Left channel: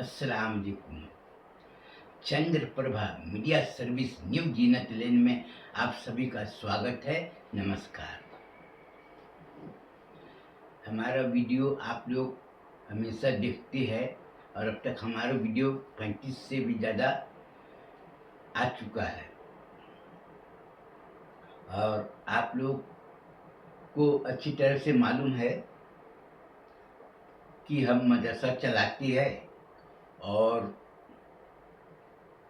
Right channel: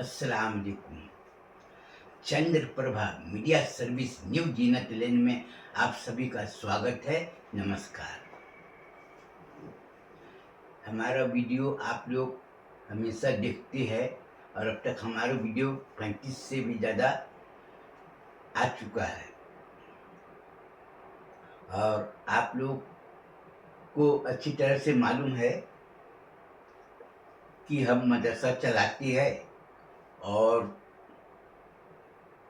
अस्सलाम वालेकुम। चंद्र Prabha media service new जीनत लेन में आप सभी का स्वागत है। नमस्कार। हमारा वीडियो आप लोग हमेशा देखते हैं और अब तक हमारा वीडियो 35 से भी ज़्यादा आ चुका है और आप लोग को अच्छी तरह से मालूम है कि हम मदरसा चलाते हैं और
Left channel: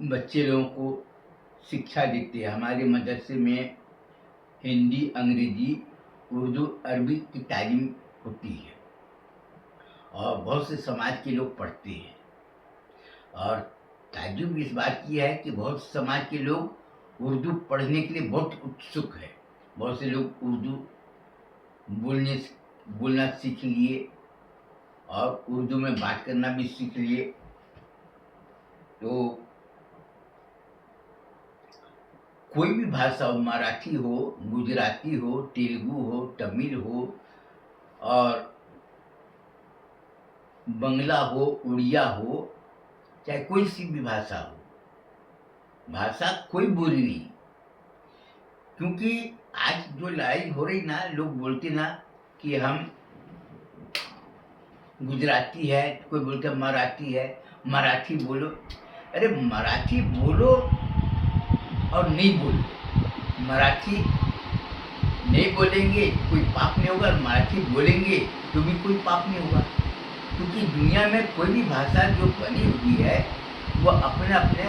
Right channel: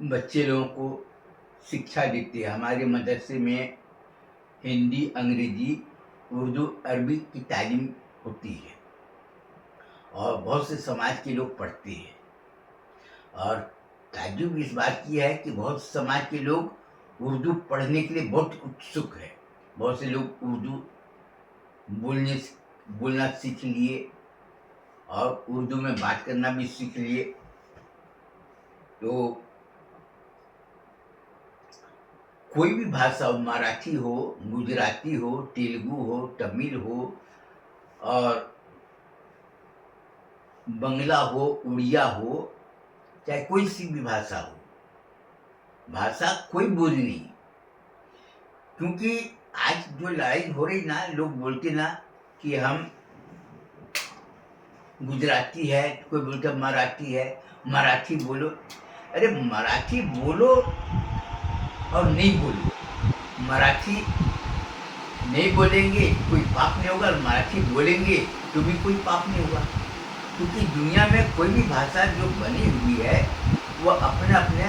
बच्चे लोगों को शिक्षा देते हैं। हमारे मदरसे में हिंदी, अंग्रेजी, उर्दू, अरबी की तालीम होती है और बहुत से समाज के लोग पढ़ते हैं। और ताज्जुब इस बात की है कि बहुत से समाज के लोग उर्दू पढ़ने के लिए बहुत उत्सुक है। बहुत से लोग उर्दू बोलना सीख लिए और उर्दू में बात करना भी सीख लिए। तो कोई भी भाषा हो, मराठी हो, गुजराती हो, तेलुगु हो, तमिल हो और बंगला हो, उड़िया हो, चाहे कोई सी भी भाषा हो, भाषा कोई बोली नहीं। क्योंकि आज जो लड़ाई हो रही ना, लोग बोलते ना कि हम गुजराती है, कोई बोलता मराठी है, मराठी बोलो। अरे मराठी बोलो और नहीं बोलो। मराठी नहीं बोलेंगे कोई पाप नहीं होगा, मराठी बोलेंगे तो भी कोई पाप नहीं होगा। क्योंकि दुनिया में कोई भी भाषा जो बनी हुई है वह अपने अपने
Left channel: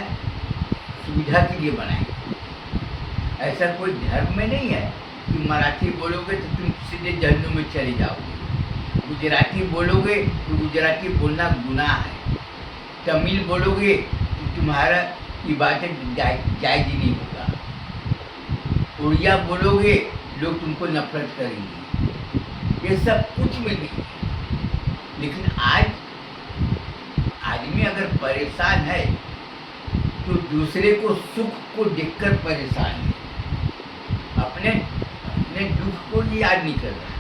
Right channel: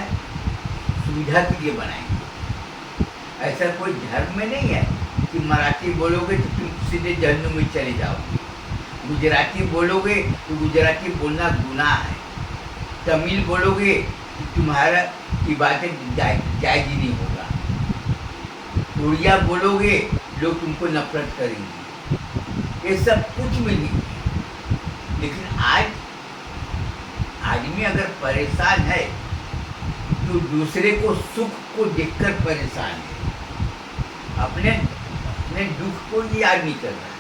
सुविधा के लिए बनाएंगे। ऐसा कोई धर्म में नहीं है कि मराठी बोलोगे तो तुम सीधे जहन्नुम में चले जाओगे, गुजराती बोलोगे तो गुजराती बोलना गुनाह है, तमिल बोलोगे तो तुम्हारा इबादत जायज ही नहीं होगा, उड़िया बोलोगे लोग तुमको नफरत करेंगे। ये सब कुछ भी नहीं। लेकिन आज आदमी अगर परेशान है तो दूसरे को सुख को देखकर परेशान है, अपने दुख को याद नहीं कर रहा है।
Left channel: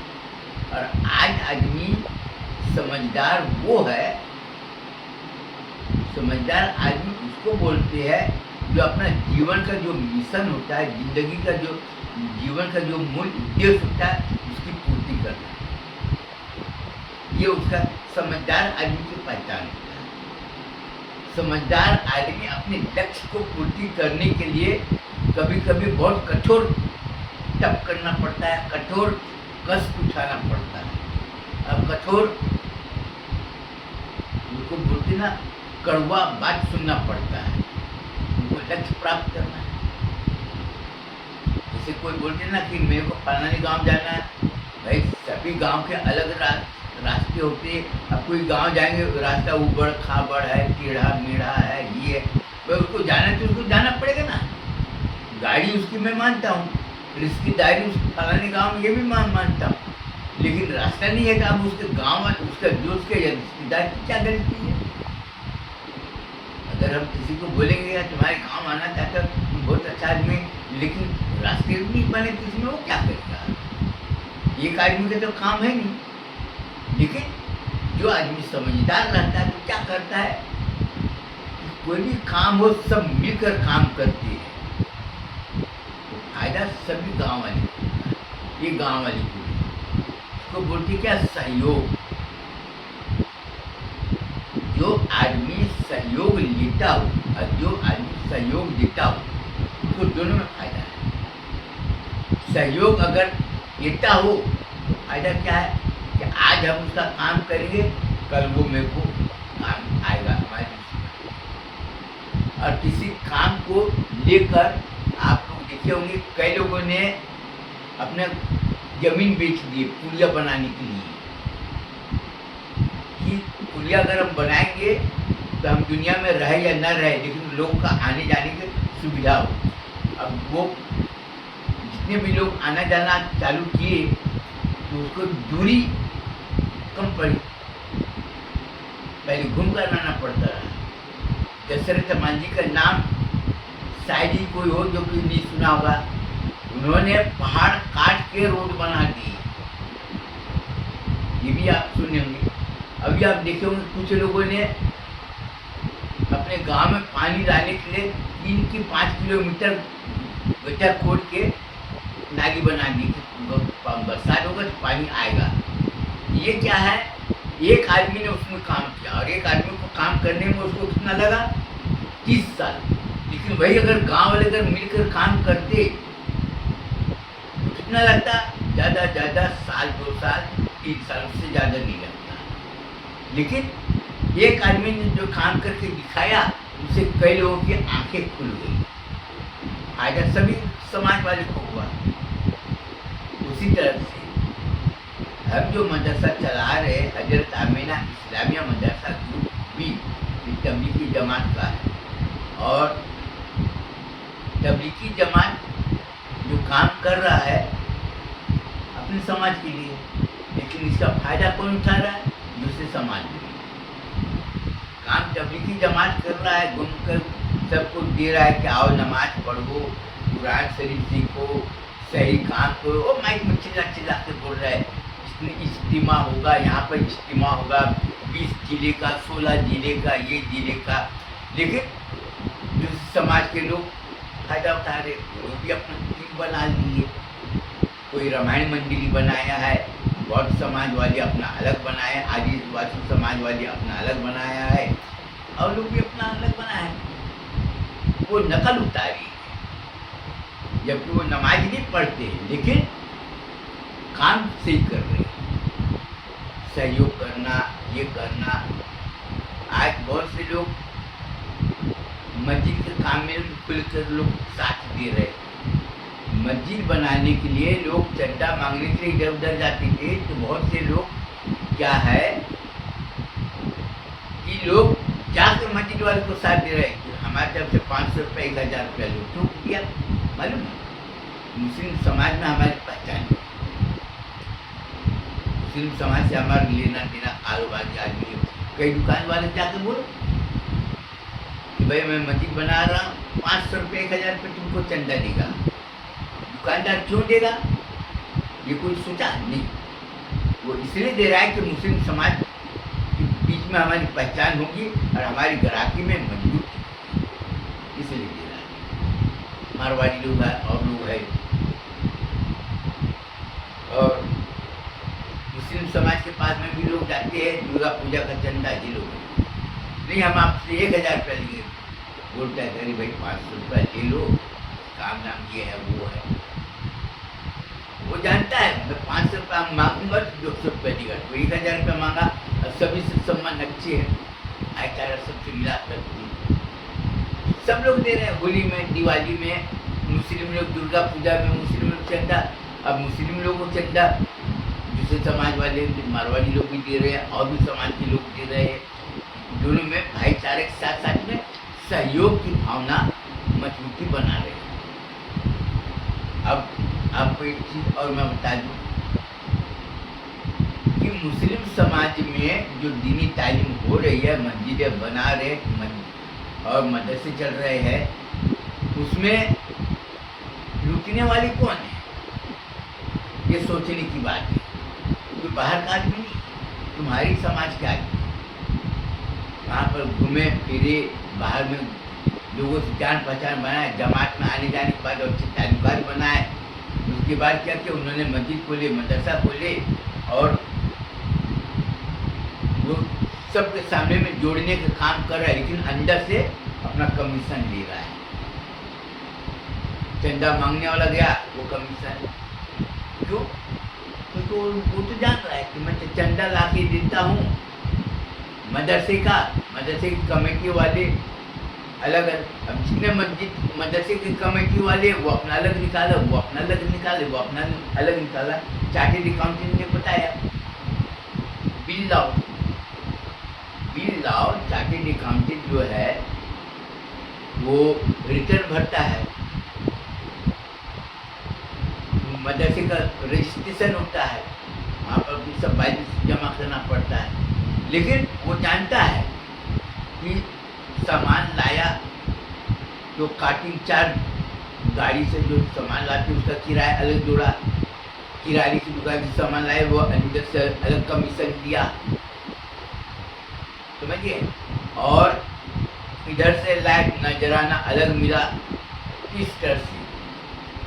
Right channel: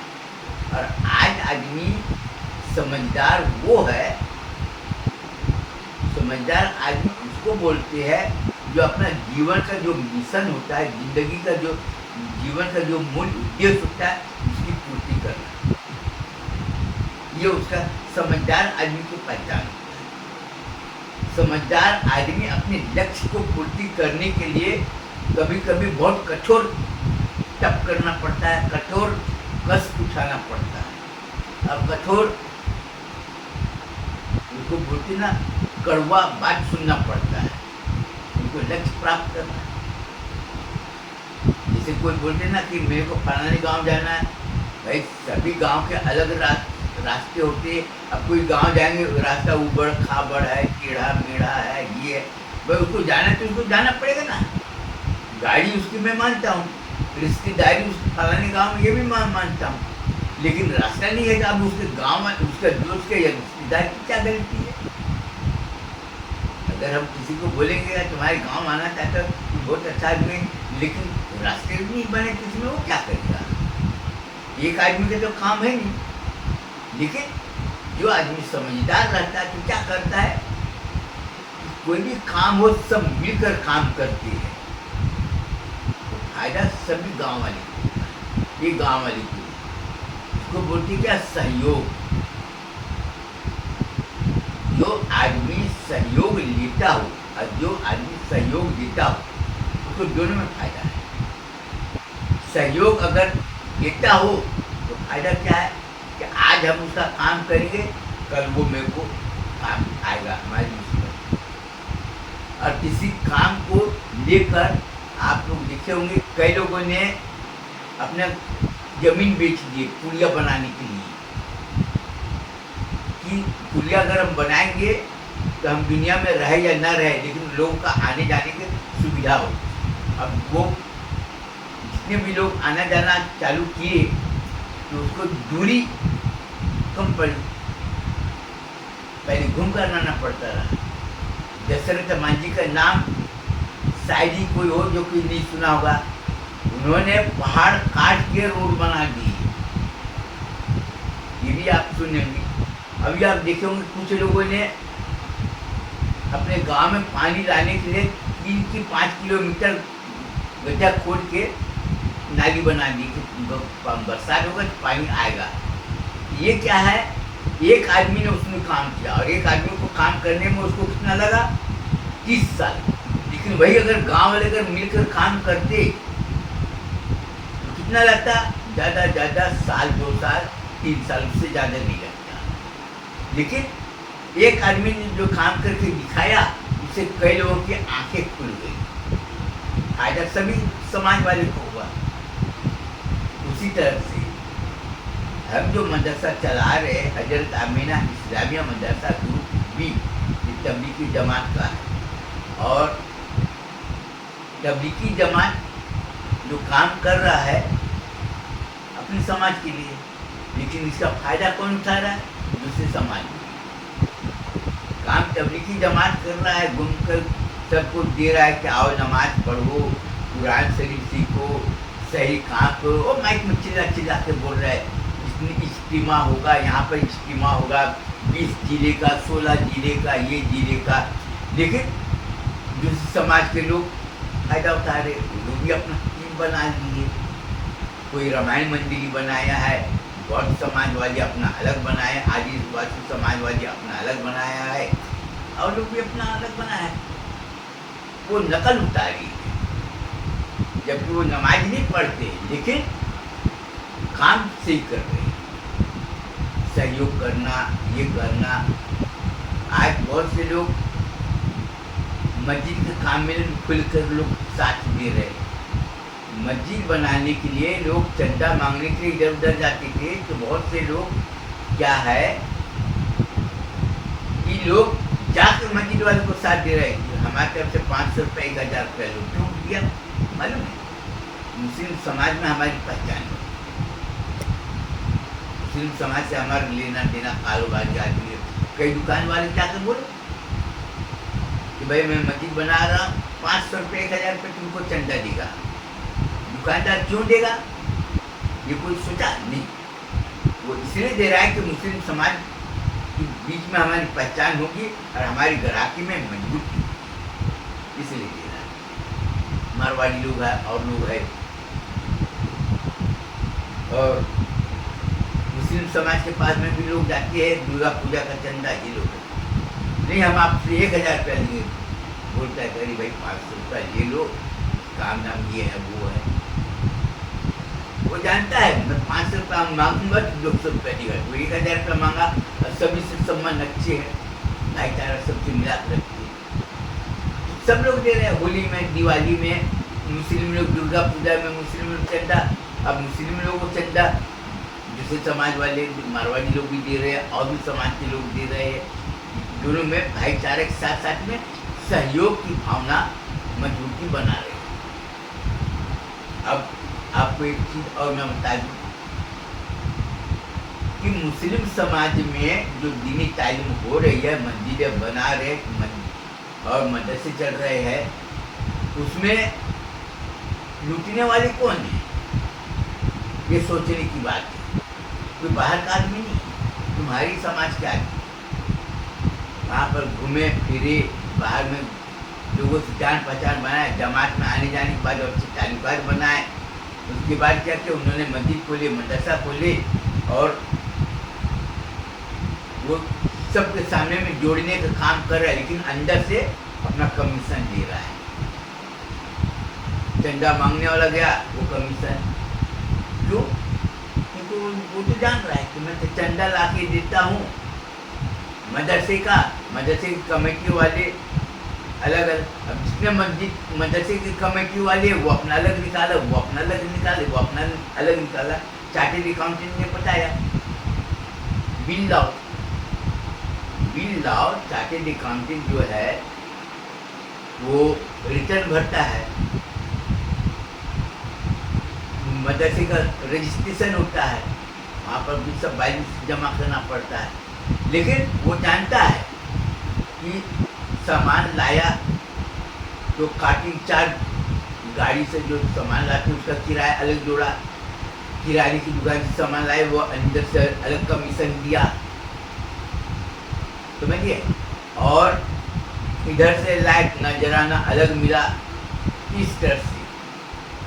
और आज आदमी समझदार वो है, समझदार आदमी उसको बोलते हैं जो अपना जीवन का जो मिशन होता है, जिंदगी का जो जीवन का जो मूल उद्देश्य होता है उसकी पूर्ति करना है। ये उसका समझदार आदमी की पहचान होता है। समझदार आदमी अपने लक्ष्य को पूर्ति करने के लिए कभी कभी बहुत कठोर तप करना पड़ता है, कठोर कष्ट उठाना पड़ता है। अब कठोर उनको बोलते ना कड़वा बात सुनना पड़ता है, उनको लक्ष्य प्राप्त करना है। जैसे कोई बोलते ना कि मेरे को फलाने गांव जाना है, भाई सभी गांव के अलग रास्ते होते हैं। अब कोई गांव जाएंगे रास्ता उबड़ खाबड़ है, टेढ़ा मेढ़ा है, ये भाई उसको जाना तो उसको जाना पड़ेगा ना। गाड़ी उसकी मैं मानता हूँ, रिश्तेदारी फलाने गांव में ये भी मानता हूँ, लेकिन रास्ता नहीं है कि अब उसके गांव में उसका जो उसके रिश्तेदार की क्या गलती है। अगर हम किसी को बोलेंगे यार तुम्हारे गांव आना चाहता तुम बहुत अच्छा आदमी, लेकिन रास्ते नहीं बने किसी में, वो क्या करेगा? एक आदमी का तो काम है नहीं। लेकिन जो आदमी समझदार रहता है तो क्या करता है, कोई भी काम हो सब मिलकर काम करते हैं तो फायदा सभी गांव वाले को होता है। ये गांव वाले को उसको बोलते क्या, सहयोग। जो आदमी सहयोग लेता हो और जो आदमी सहयोग देता हो उसको दोनों में फायदा है। सहयोग अगर लेता हो तो फायदा क्या है कि आज हम उसका काम करेंगे, कल वो मेरे को काम आएगा हमारी मुसीबत। और किसी काम को लेकर आप लोग देखे होंगे कई लोगों ने अपना जमीन बेच दिए पुलिया बनाने के लिए कि पुलिया अगर हम बनाएंगे तो हम दुनिया में रहे या न रहे, लेकिन लोगों का आने जाने की सुविधा हो। अब वो जितने भी लोग आना जाना चालू किए तो उसको दूरी कम पड़ी, पहले घूम कर आना पड़ता है। दशरथ मांझी का नाम शायद ही कोई हो जो कि नहीं सुना होगा। उन्होंने पहाड़ काट के रोड बना दिए, ये भी आप सुनेंगे। अभी आप देखे होंगे कुछ लोगों ने अपने गांव में पानी लाने के लिए 3 की 5 किलोमीटर गड्ढा खोद के नाली बना दी कि बरसात होगा तो पानी आएगा। ये क्या है, एक आदमी ने उसमें काम किया और एक आदमी को काम करने में उसको कितना लगा, 30 साल। लेकिन वही अगर गांव वाले अगर मिलकर काम करते तो कितना लगता, ज़्यादा साल 2 साल 3 साल, उससे ज़्यादा नहीं लगता। लेकिन एक आदमी ने जो काम करके दिखाया उससे कई लोगों की आंखें खुल गई, फायदा सभी समाज वाले को हुआ। उसी तरह से हम जो मदरसा चला रहे हजरत आमीना इस्लामिया मदरसा ग्रुप बी, तबलीगी जमात का है। और तबलीगी जमात जो काम कर रहा है अपने समाज के लिए, लेकिन इसका फायदा कौन उठा रहा है, दूसरे समाज में। काम तबलीगी जमात कर रहा है, घूमकर सबको दे रहा है कि आओ नमाज पढ़ो, कुरान शरीफ सीखो, सही काम करो। और माइक में चिल्ला के बोल रहा है इज्तिमा होगा, यहाँ पर इज्तिमा होगा 20 जिले का, 16 जिले का, ये जिले का। लेकिन जो समाज के लोग फायदा उठा रहे, वो भी अपना टीम बना लिए। कोई रामायण मंदिर बनाया है, बौद्ध समाजवादी अपना अलग बनाया, आदिवासी समाजवादी अपना अलग बनाया है, और लोग भी अपना अलग बनाया है। वो नकल उतारी, जबकि वो नमाज नहीं पढ़ते लेकिन काम सही कर रहे, सहयोग करना, ये करना। आज बहुत से लोग मस्जिद के काम में खुलकर लोग साथ दे रहे। मस्जिद बनाने के लिए लोग चंदा मांगने के लिए इधर उधर जाते थे, तो बहुत से लोग क्या है कि लोग जाकर मस्जिद वाले को साथ दे रहे। हमारे तरफ से 500 रुपये 1000 रुपया लोग क्यों दिया, मालूम है? मुस्लिम समाज में हमारी पहचान है, मुस्लिम समाज से हमारा लेना देना कारोबार जारी है। कई दुकान वाले जाकर बोले कि भाई मैं मस्जिद बना रहा हूँ, 500 रुपये 1000 रुपये तुमको चंदा देगा। दुकानदार क्यों देगा, ये कोई सोचा नहीं। वो इसलिए दे रहा है कि मुस्लिम समाज के बीच में हमारी पहचान होगी और हमारी ग्राहकी में मजबूत, इसलिए दे रहा है। मारवाड़ी लोग हैं और लोग हैं, और मुस्लिम समाज के पास में भी लोग जाते हैं, दुर्गा पूजा का चंदा ये लोग नहीं, हम आपसे 1000 रुपया लिए। बोलता है करीब भाई 500 रुपया ले लो, काम नाम ये है वो है। वो जानता है मैं 500 रुपया मांगूंगा तो 200 रुपया देगा, तो 1000 रुपया मांगा। और सभी से सम्मान अच्छे हैं, भाईचारा सबसे मिला रखती है, सब लोग दे रहे हैं। होली में, दिवाली में मुस्लिम लोग, दुर्गा पूजा में मुस्लिम लोग चंदा, अब मुस्लिम लोगों को चंदा दूसरे समाज वाले मारवाड़ी लोग भी दे रहे हैं और भी समाज के लोग दे रहे हैं। दोनों में भाईचारे के साथ साथ में सहयोग की भावना मजबूती बना रहे हैं। अब आपको एक चीज और मैं बता दूं कि मुस्लिम समाज में जो दीनी तालीम हो रही है, मस्जिदें बना रहे और मदरसे चल रहे हैं, उसमें लूटने वाले कौन है, ये सोचने की बात है। कोई बाहर का आदमी नहीं, तुम्हारी समाज के आदमी वहाँ पर घूमे फिरे, बाहर में लोगों से जान पहचान बनाए, जमात में आने जाने के बाद अच्छे ताल्लुकात बनाए। उसके बाद क्या किया, उन्होंने मस्जिद खोले, मदरसा खोले और वो सबके सामने में जोड़ने का काम कर रहा है, लेकिन अंदर से अपना कमीशन ले रहा है। चंदा मांगने वाला गया, वो कमीशन क्यों, क्योंकि वो तो जान रहा है कि मैं चंदा ला के देता हूँ मदरसे का, मदरसे की कमेटी वाले अलग अलग। अब जितने मस्जिद मदरसे की कमेटी वाले वो अपना अलग निकाला, वो अपना अलग निकाले, वो अपना अलग निकाला। चार्टेड अकाउंटेंट ने बताया बिल लाओ, बिल लाओ। चार्टेड अकाउंटेंट जो है वो रिटर्न भरता है, मदरसे का रजिस्ट्रेशन होता है, वहाँ पर भी सब बैलेंस जमा करना पड़ता है। लेकिन वो जानता है कि सामान लाया तो काटी चार्ज, गाड़ी से जो सामान लाते उसका किराया अलग जोड़ा, किराने की दुकान से सामान लाए वो अंदर से अलग कमीशन दिया, समझिए। और इधर से लाइट नजराना अलग मिला, इस तरह से।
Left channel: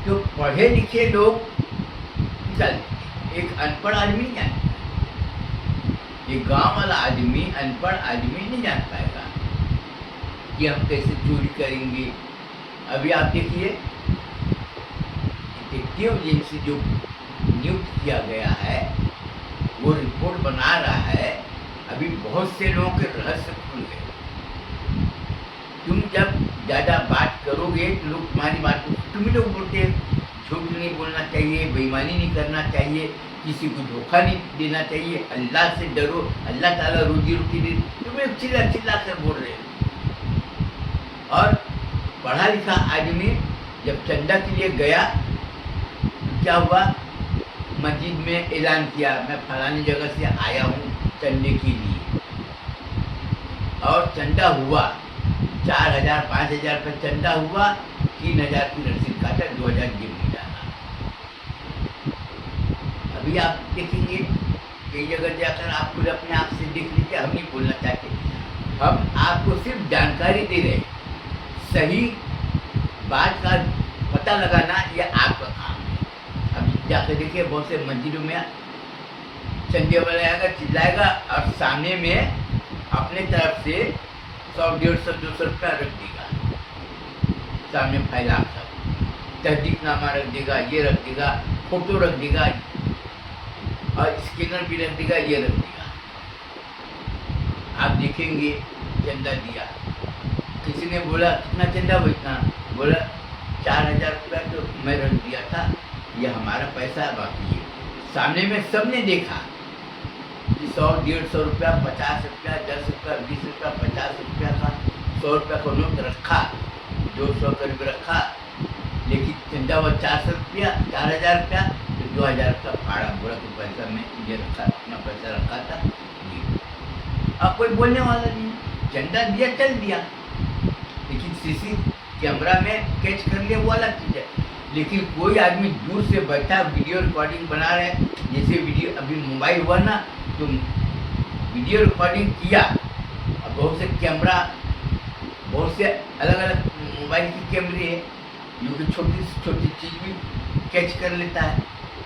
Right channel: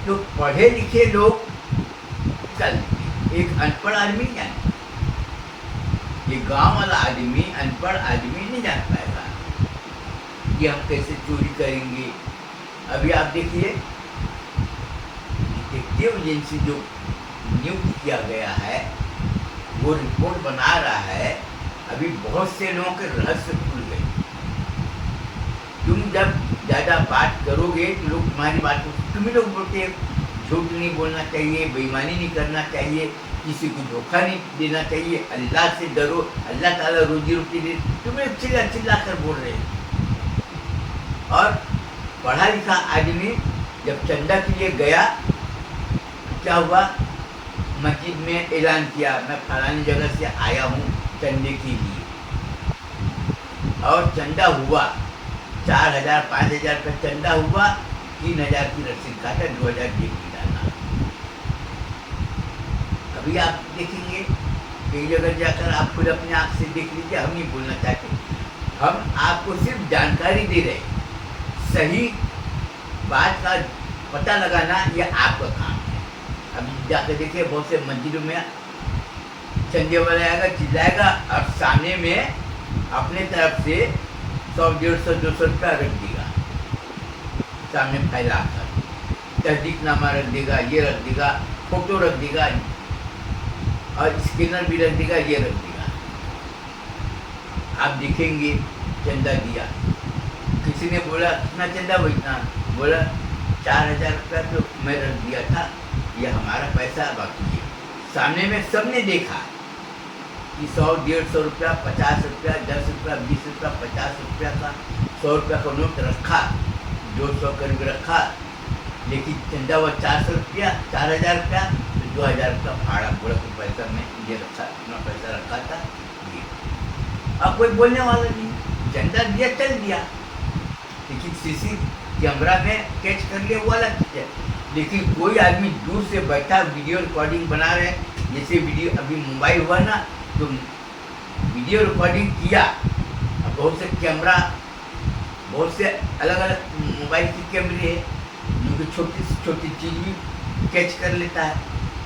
तो पढ़े लिखे लोग चल, एक अनपढ़ आदमी जाने, एक गांव वाला आदमी अनपढ़ आदमी नहीं जान पाएगा कि हम कैसे चोरी करेंगे। अभी आप देखिए, डिटेक्टिव एजेंसी जो नियुक्त किया गया है वो रिपोर्ट बना रहा है। अभी बहुत से लोगों के रहस्य खुल गए। तुम जब ज़्यादा बात करोगे तो लोग तुम्हारी बात को, तुम ही लोग बोलते हैं झूठ नहीं बोलना चाहिए, बेईमानी नहीं करना चाहिए, किसी को धोखा नहीं देना चाहिए, अल्लाह से डरो, अल्लाह ताला रोजी रोटी दे। तुम लोग चिल्ला चिल्ला कर बोल रहे हो। और पढ़ा लिखा आदमी जब चंदा के लिए गया तो क्या हुआ, मस्जिद में ऐलान किया मैं फलानी जगह से आया हूँ चंदे के लिए, और चंदा हुआ 4,000 5,000 का चंदा हुआ, 3,000 की रसीद काटा, 2,000 जेब में डाला। अभी आप देखेंगे कई जगह जाकर आप खुद अपने आप से देख लीजिए। हम नहीं बोलना चाहते, हम आपको सिर्फ जानकारी दे रहे हैं। सही बात का पता लगाना यह आपका काम है। अब जाकर देखिए, बहुत से मस्जिदों में चंदे वाला आएगा, चिल्लाएगा और सामने में अपने तरफ से 100 150 200 रुपया रख देगा, सामने फैला कर तहदीकनामा रख देगा, ये रख देगा, फोटो रख देगा और स्कैनर भी रख देगा, ये रख देगा। आप देखेंगे चंदा दिया, किसी ने बोला कितना चंदा, वो इतना बोला 4,000 रुपया तो मैं रख दिया था, ये हमारा पैसा बाकी है। सामने में सबने देखा कि 100 150 रुपया, 50 रुपया, 10 रुपया, 20 रुपया, 50 रुपया का, 100 रुपया का नोट रखा, 200 करीब रखा, लेकिन चंदा हुआ 400 रुपया, 4,000 रुपया, तो 2,000 रुपया फाड़ा, बोला कि पैसा मैं ये रखा, अपना पैसा रखा था ये। अब कोई बोलने वाला नहीं, चंदा दिया चल दिया, लेकिन सीसी कैमरा में कैच कर लिया वो अलग चीज़ है। लेकिन कोई आदमी दूर से बैठा वीडियो रिकॉर्डिंग बना रहे, जैसे वीडियो अभी मोबाइल हुआ ना, तो वीडियो रिकॉर्डिंग किया। अब बहुत से कैमरा, बहुत से अलग अलग मोबाइल की कैमरे हैं जो कि छोटी से छोटी चीज़ भी कैच कर लेता है,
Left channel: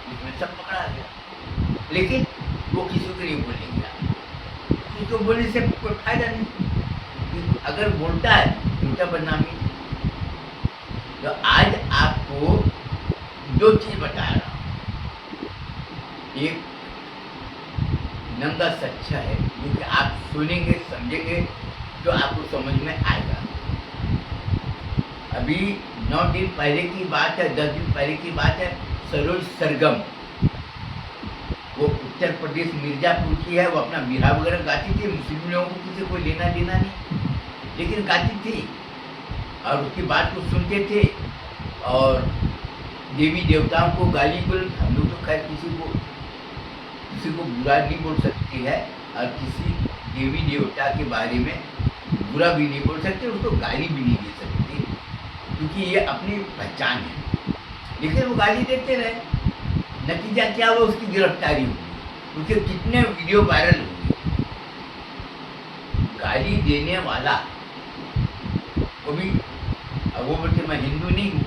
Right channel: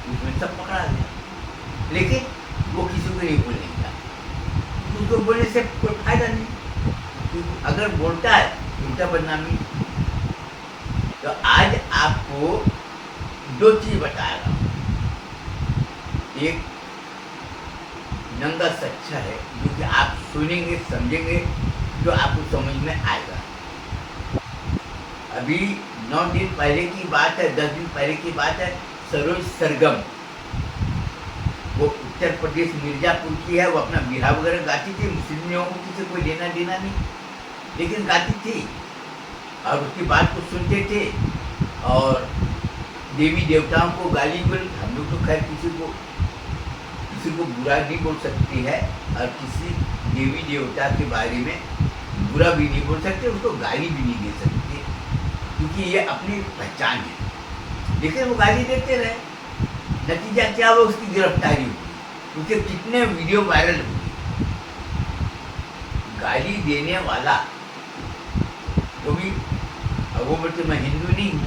उसमें सब पकड़ा गया। लेकिन वो किसी को नहीं बोलेगा, उसको बोलने से कोई फायदा नहीं, अगर बोलता है उल्टा बदनामी। तो आज आपको दो चीज़ बता रहा हूँ, एक नंगा सच्चा है जो कि आप सुनेंगे समझेंगे जो आपको समझ में आएगा। अभी 9 दिन पहले की बात है, 10 दिन पहले की बात है, सरोज सरगम, वो उत्तर प्रदेश मिर्जापुर की है, वो अपना बिरहा वगैरह गाती थी, मुस्लिम लोगों को किसी कोई लेना देना नहीं, लेकिन गाती थी और उसकी बात को सुनते थे और देवी देवताओं को गाली बोल। हम लोग तो खैर किसी को बुरा नहीं बोल सकती है और किसी देवी देवता के बारे में बुरा भी नहीं बोल सकते, उसको गाली भी नहीं दे सकते, क्योंकि ये अपनी पहचान है। लेकिन वो गाली देते रहे, नतीजा क्या हुआ, उसकी गिरफ्तारी हुई, उसके कितने वीडियो वायरल हुए। गाली देने वाला वो भी, अब वो बोलते मैं हिंदू नहीं हूँ,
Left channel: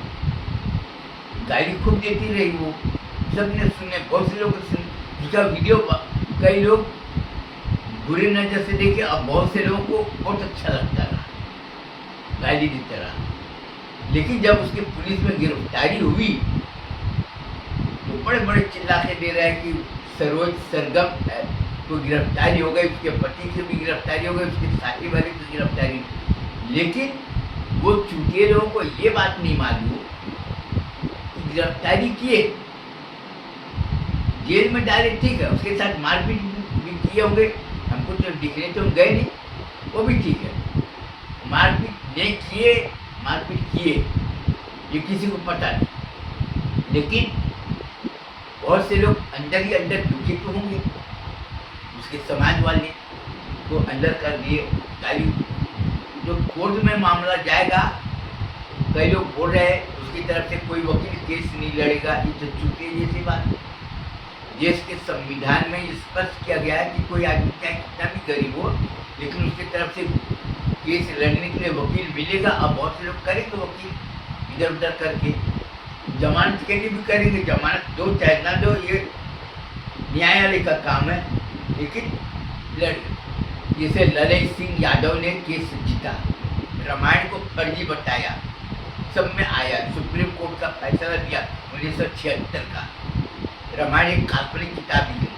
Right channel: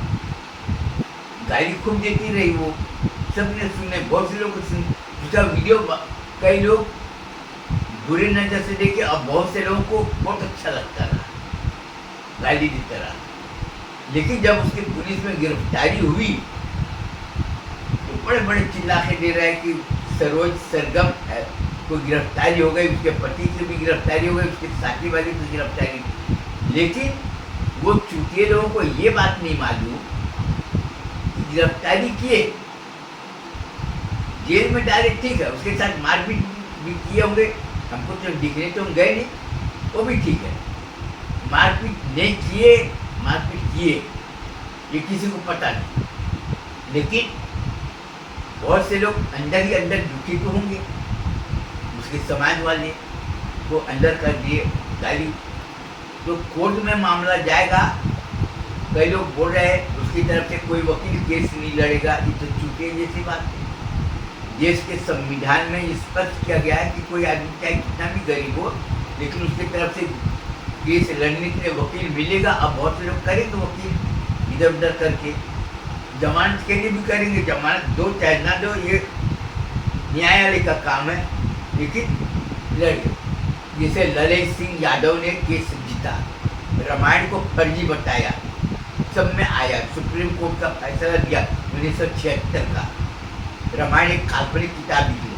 गाली खूब देती रही, वो सबने सुने, बहुत से लोग सुने उसका वीडियो, कई लोग बुरी नजर से देखे और बहुत से लोगों को बहुत अच्छा लगता रहा, गाली देता रहा। लेकिन जब उसकी पुलिस में गिरफ्तारी हुई तो बड़े बड़े चिल्लाके दे रहे हैं कि सरोज सरगम को गिरफ्तारी हो गई, उसके पति की भी गिरफ्तारी हो गई, उसके साथी वाले की गिरफ्तारी। लेकिन वो चूतिए लोगों को ये बात नहीं मालूम कि गिरफ्तारी किए, जेल में डाले ठीक है, उसके साथ मारपीट भी किए होंगे, हमको तो दिखने तो हम गए नहीं, वो भी ठीक है, मारपीट नहीं किए, मारपीट किए ये किसी को पता नहीं। लेकिन बहुत से लोग अंदर ही अंदर दुखी तो होंगे, उसके समाज वाले को अंदर कर दिए गाली। तो कोर्ट में मामला जाएगा, कई लोग बोल रहे हैं उसकी तरफ से कोई वकील केस नहीं लड़ेगा, ये तो चूतिए जैसी बात है। देश के संविधान में स्पष्ट किया गया है कि कोई आदमी चाहे कितना भी गरीब हो, लेकिन उसकी तरफ से केस लड़ने के लिए वकील मिलेगा, अब बहुत से लोग करेंगे वकील इधर उधर करके, जमानत के लिए भी करेंगे, जमानत दो चाहे ना दो ये न्यायालय का काम है, लेकिन लड़ जैसे ललित सिंह यादव ने केस जीता, रामायण को फर्जी बताया, सब में आया, सुप्रीम कोर्ट का फैसला दिया 1976 का, रामायण एक काल्पनिक किताब निकली,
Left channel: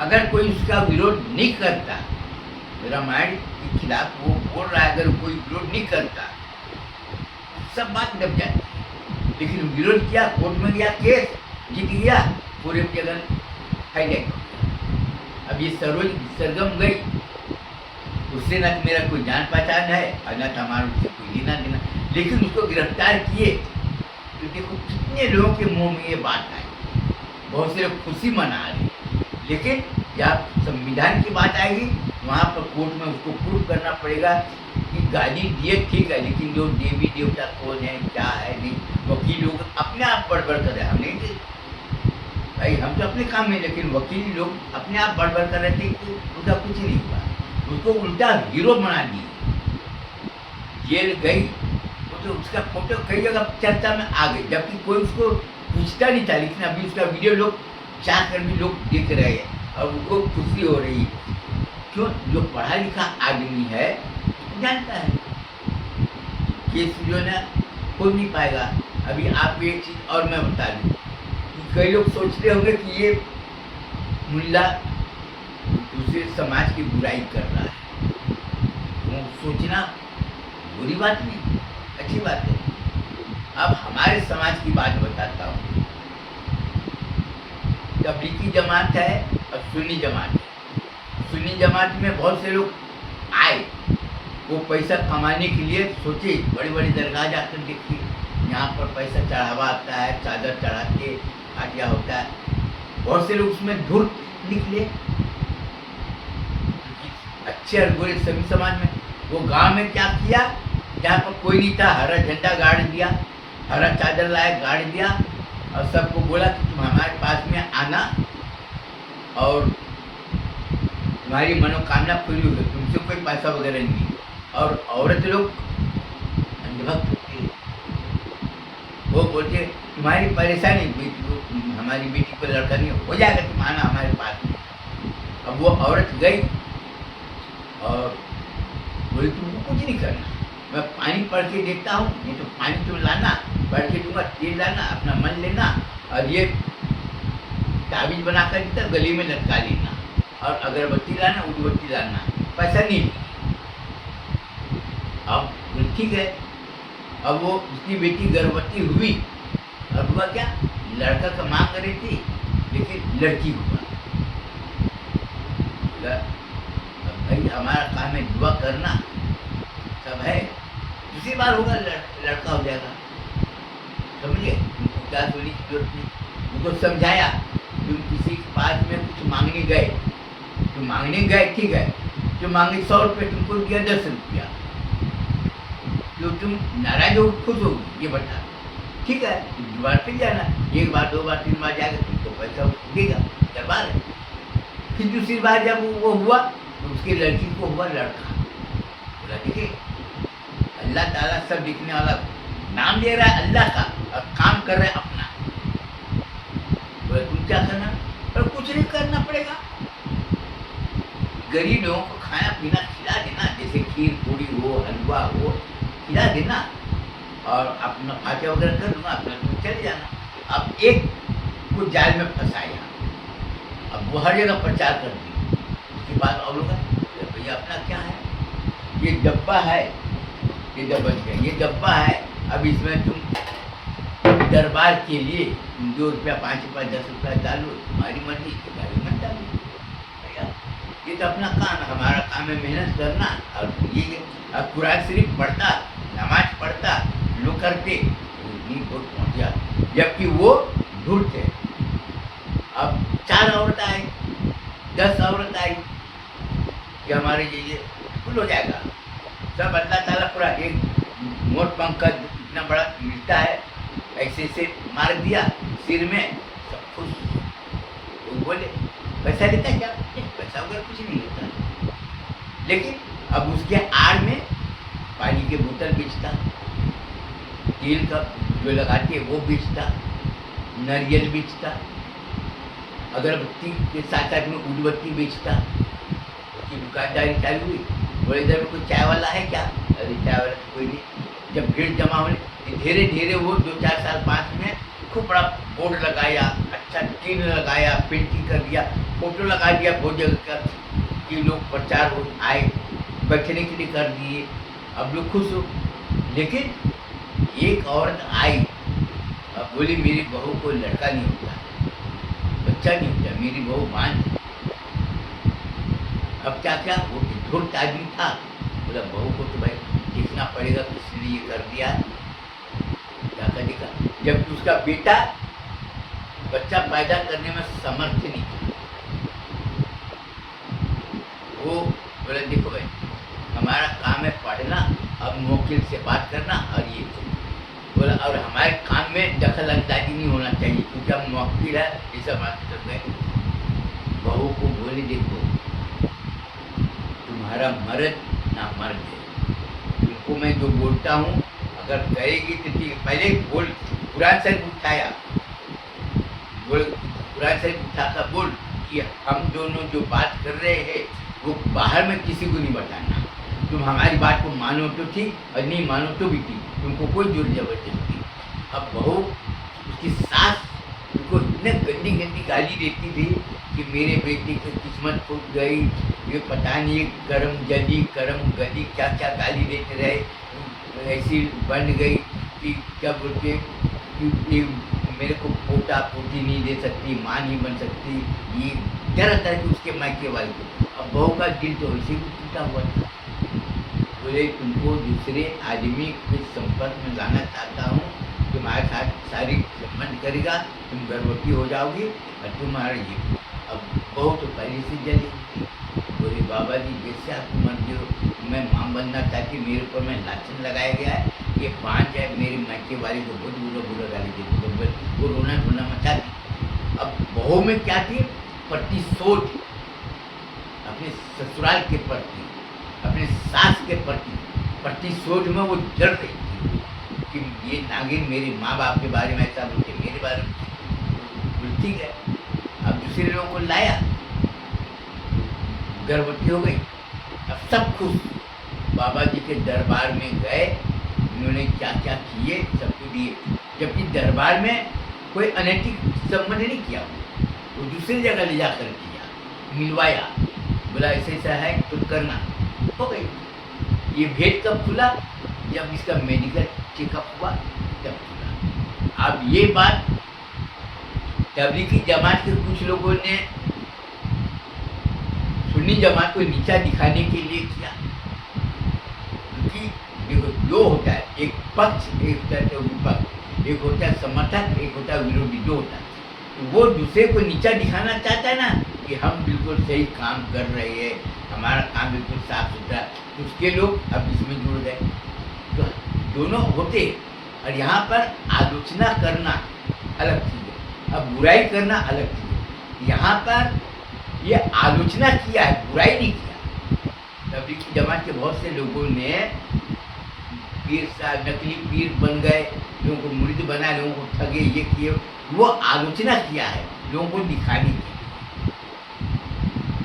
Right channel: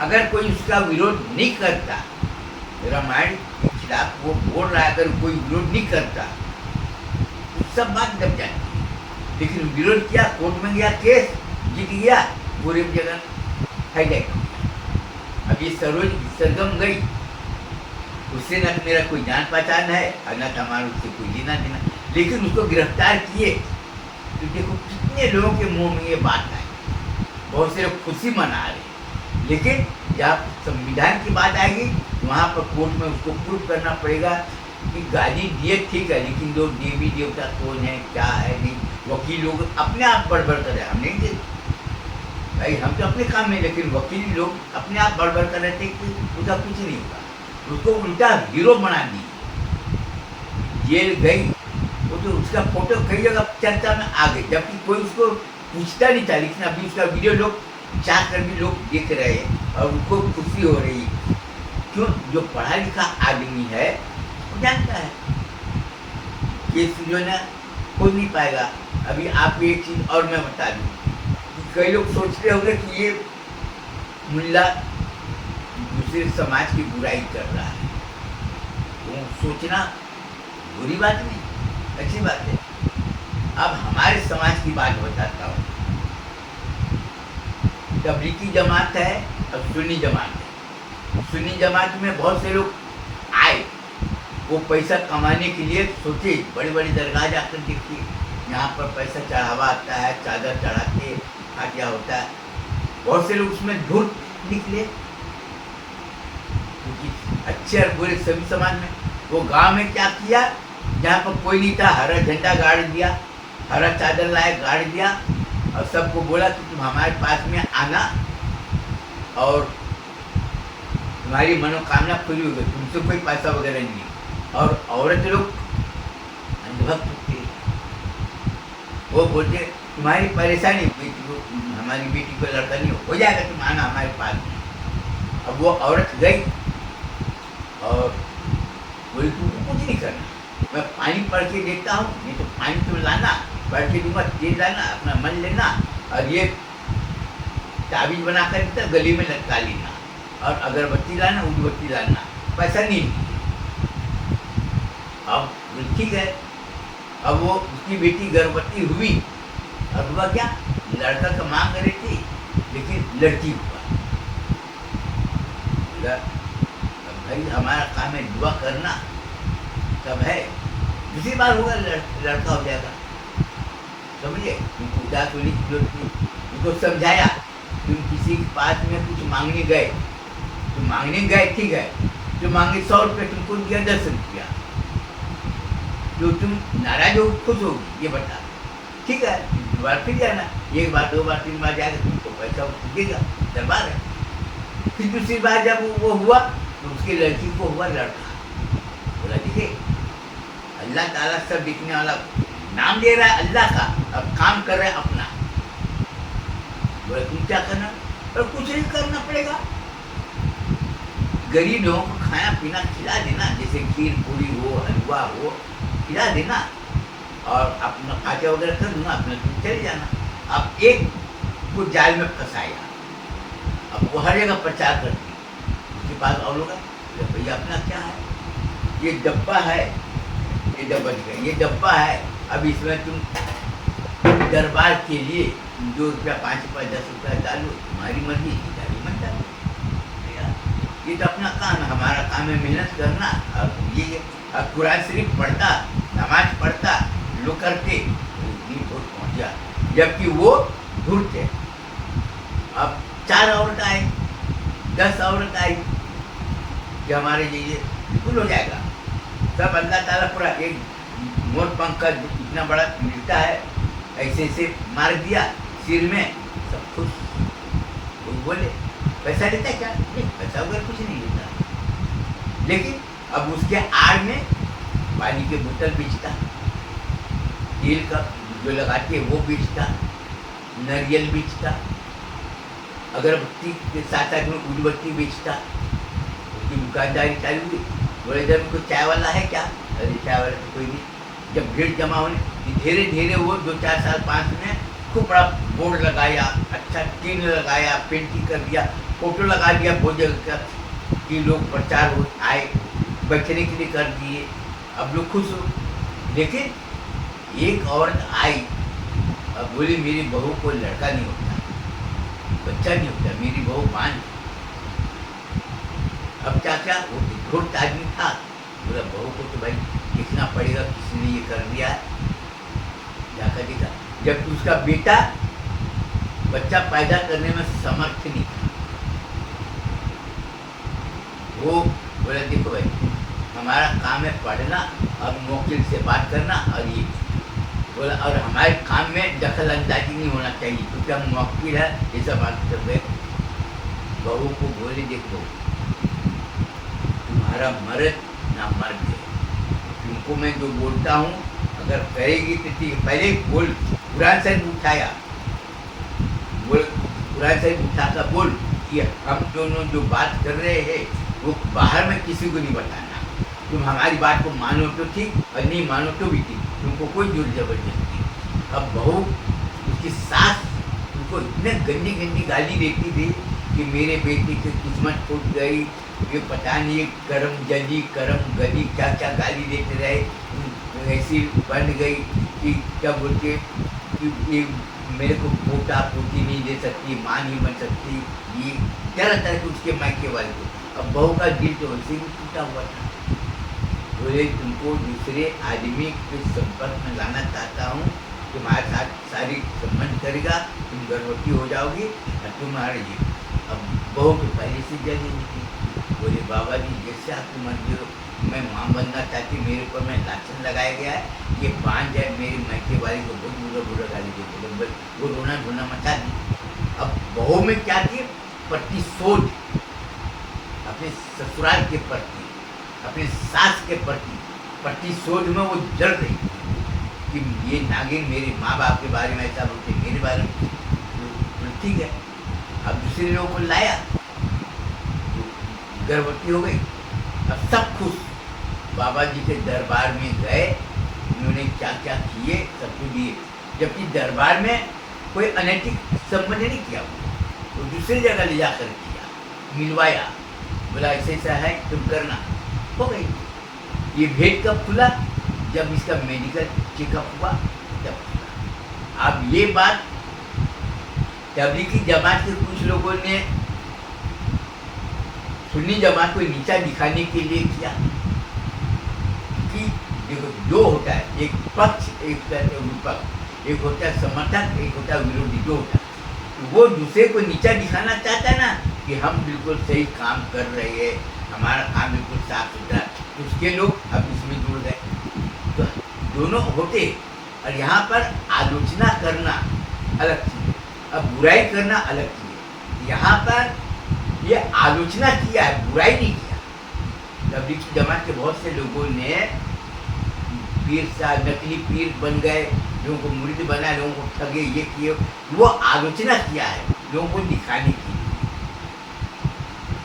अगर कोई उसका विरोध नहीं करता, रामायण के खिलाफ वो बोल रहा है, अगर कोई विरोध नहीं करता सब बात दब जाती, लेकिन विरोध किया, कोर्ट में गया, केस जीत गया, पूरे जगह हाईलाइट हो गया। अब ये सरोज सरगम गई, उससे ना मेरा कोई जान पहचान है और ना हमारा उससे कोई लेना देना, लेकिन उसको गिरफ्तार किए तो देखो कितने लोगों के मुंह में ये बात आई, बहुत से लोग खुशी मना रहे, लेकिन जब संविधान की बात आएगी वहाँ पर कोर्ट में उसको प्रूफ करना पड़ेगा कि गाली दिए ठीक है, लेकिन जो देवी देवता कौन है, क्या है, नहीं, वकील लोग अपने आप बड़बड़ कर रहे हैं, हम नहीं थे भाई, हम तो अपने काम में, लेकिन वकील लोग अपने आप बड़बड़ कर रहे थे कि उसका कुछ नहीं होगा, उसको उल्टा हीरो बना दी, जेल गई, वो तो उसका फोटो कई जगह चर्चा में आ गई, जबकि कोई उसको पूछता नहीं था, लेकिन अभी उसका वीडियो लोग चाह कर भी लोग देख रहे हैं और उनको खुशी हो रही है, क्यों, जो पढ़ा लिखा आदमी है वो जानता है केस जो है ना खोज नहीं पाएगा। अभी आप एक चीज़ और मैं बता दूँ, कई लोग सोचते होंगे कि ये मुल्ला दूसरे समाज की बुराई कर रहा है, वो सोचना बुरी बात नहीं, अच्छी बात है। अब हमारे समाज की बात बताता हूँ, तबलीगी जमात है और सुन्नी जमात है, सुन्नी जमात में बहुत से लोग आए, वो पैसा कमाने के लिए सोचे, बड़ी बड़ी दरगाह जाकर देखिए, यहाँ पर पैसा चढ़ावा आता है, चादर चढ़ा के हाटिया होता है, बहुत से लोग उसमें धुर निकले, अच्छे और बुरे सभी समाज में। वो गांव में क्या किया, जहाँ पर कोई नहीं था, हरा झंडा गाड़ दिया, हरा चादर लाए गाड़ दिया, और सबको बोला कि तुम हमारे पास में आना और तुम्हारी मनोकामना पूरी होगी, तुमसे कोई पैसा वगैरह नहीं। और औरत लोग अंधभक्त थे, वो बोलते तुम्हारी परेशानी, बेटी को, हमारी बेटी को लड़का नहीं हो जाएगा, तुम आना हमारे पास में। अब वो औरत गई और बोले तुमको कुछ नहीं करना, मैं पानी पढ़ के देता हूँ, नहीं तो पानी तुम लाना, पढ़ के दूंगा, तेल लाना, अपना मन लेना, और ये ताबीज बना कर देता, गली में लटका लेना, और अगरबत्ती लाना, उदबत्ती लाना, पैसा नहीं। अब ठीक है, अब वो उसकी बेटी गर्भवती हुई, अब हुआ क्या, लड़का तो मांग रही थी, लेकिन लड़की हुआ। भाई हमारा काम है दुआ करना, सब है, दूसरी बार होगा लड़का हो जाएगा, समझे, उनको उदास होने की जरूरत नहीं, उनको समझाया, तुम किसी के पास में कुछ मांगने गए, तुम मांगने गए ठीक है, जो मांगे 100 रुपये, तुमको दिया 10 रुपया, जो तुम नाराज हो खुश हो ये बता, ठीक है, बार फिर जाना, एक बार 2 बार 3 बार जाएगा, तुमको पैसा देगा, दरबार है। फिर दूसरी बार जब वो हुआ तो उसकी लड़की को हुआ लड़का, बोला देखिए अल्लाह ताला सब दिखने वाला, नाम दे रहा है अल्लाह का और काम कर रहा है अपना, बोले तुम क्या करना, और कुछ नहीं करना पड़ेगा, गरीब लोगों को खाना पीना खिला देना, जैसे खीर पूरी हो, हलवा हो, खिला देना, और अपना खर्चा वगैरह कर दूंगा, अपना तुम चले जाना। अब एक को जाल में फंसाया, अब वो हर जगह प्रचार कर दी, उसके बाद और लोग तो भैया अपना क्या है, ये डब्बा है, ये डब्बा है, ये डब्बा है, अब इसमें तुम दरबार के लिए 2 रुपया 5 रुपया 10 रुपया डालो, तुम्हारी मर्जी, डालो मत डालो भैया, ये तो अपना काम है, हमारा काम है मेहनत करना, और ये अब कुरान शरीफ पढ़ता, नमाज पढ़ता, लोग करते, पहुँच गया, जबकि वो ढूंढते। अब 4 औरत आई, 10 औरत आई, कि हमारे लिए फुल हो जाएगा, सब अल्लाह ताला पूरा एक मोट पंख का इतना बड़ा मिलता है, ऐसे ऐसे मार दिया सिर में, सब खुश। तो बोले पैसा लेता है क्या, नहीं पैसा वगैरह कुछ नहीं लेता, लेकिन अब उसके आड़ में पानी के बोतल बेचता, तेल का जो लगाते वो बेचता, नारियल बेचता, अगरबत्ती के साथ साथ में उदबत्ती बेचता। उसकी दुकानदारी चालू हुई। बोले इधर में कोई चाय वाला है क्या? अरे चाय वाला तो कोई नहीं। जब भीड़ जमा होने धीरे धीरे वो 2-4 साल 5 में खूब बड़ा बोर्ड लगाया, अच्छा टीन लगाया, पेंटिंग कर दिया, फोटो लगा दिया बहुत जगह का कि लोग प्रचार हो आए, बैठने के लिए कर दिए। अब लोग खुश हो। लेकिन एक औरत आई, अब बोली मेरी बहू को लड़का नहीं हो गया, बच्चा नहीं हो गया, मेरी बहू मान। अब क्या क्या वो धूर्त आदमी था, बोला बहू को तो भाई देखना पड़ेगा, किसी ने ये कर दिया है, जाकर देखा। जब उसका बेटा बच्चा पैदा करने में समर्थ नहीं था, वो बोला देखो भाई हमारा काम है पढ़ना और वकील से बात करना, और ये बोला और हमारे काम में दखल अंदाजी नहीं होना चाहिए क्योंकि हम वकील है, ये सब बात कर रहे। बहू को बोले देखो तुम्हारा मर्द ना मर्द है, तुमको मैं जो बोलता हूँ अगर करेगी तो ठीक है। पहले बोल, कुरान शरीफ उठाया, बोल कुरान शरीफ उठाकर बोल कि हम दोनों जो बात कर रहे हैं वो बाहर में किसी को नहीं बताना, तुम हमारी बात को मानो तो ठीक और नहीं मानो तो भी ठीक, तुमको कोई जोर जबरदस्ती। अब बहू उसकी सास उनको इतने गंदी गंदी गाली देती थी कि मेरे बेटे की किस्मत फूट गई, ये पता नहीं करम जली करम गली क्या क्या गाली देते रहे, ऐसी बन गई कि क्या बोल के कि मेरे को पोता पोती नहीं दे सकती, माँ नहीं बन सकती, ये क्या रहता है कि उसके मायके वाले को। अब बहू का दिल तो वैसे भी टूटा हुआ था। बोले तुमको दूसरे आदमी के संपर्क में लाना चाहता हूँ, तुम्हारे साथ शारीरिक संबंध करेगा, तुम गर्भवती हो जाओगी और तुम्हारा ये। अब बहू तो पहले से जली थी। बोले बाबा जी जैसे आपकी मर्जी हो, मैं माँ बनना चाहती, मेरे ऊपर में लाछन लगाया गया है, ये 5 जाए मेरे मैके वाली को बहुत बुरा बुरा गाली देते, वो रोना धोना मचा दी। अब बहू में क्या थी, प्रतिशोध अपने ससुराल के प्रति, अपने सास के प्रति प्रतिशोध में वो जड़ गई कि ये नागिन मेरे माँ बाप के बारे में ऐसा बोलते, मेरे बारे में तो ठीक है। अब दूसरे लोगों को लाया, गर्भवती हो गई। अब सब खुश, बाबा जी के दरबार में गए, उन्होंने क्या क्या किए सबको दिए, जबकि दरबार में कोई अनैतिक संबंध नहीं किया, वो दूसरी जगह ले जाकर किया, मिलवाया, बोला ऐसे ऐसा है तुम करना, हो गई। ये भेद कब खुला, जब इसका मेडिकल चेकअप हुआ तब खुला। अब ये बात तबलीगी जमात के कुछ लोगों ने सुन्नी जमात को नीचा दिखाने के लिए किया कि देखो जो होता है एक पक्ष एक होता है विपक्ष, एक होता है समर्थक एक होता है विरोधी, जो होता है तो वो दूसरे को नीचा दिखाना चाहता है ना कि हम बिल्कुल सही काम कर रहे हैं, हमारा काम बिल्कुल साफ सुथरा, उसके लोग अब इसमें जुड़ गए। तो दोनों होते, और यहाँ पर आलोचना करना अलग चीज़ है, अब बुराई करना अलग चीज़ है। यहाँ पर ये आलोचना किया है, बुराई नहीं किया। तबलीगी जमात के बहुत से लोगों ने पीर सा नकली पीर बन गए, लोगों को मुरीद बनाए, लोगों को ठगे, ये किए, वो आलोचना किया है लोगों को दिखाने की।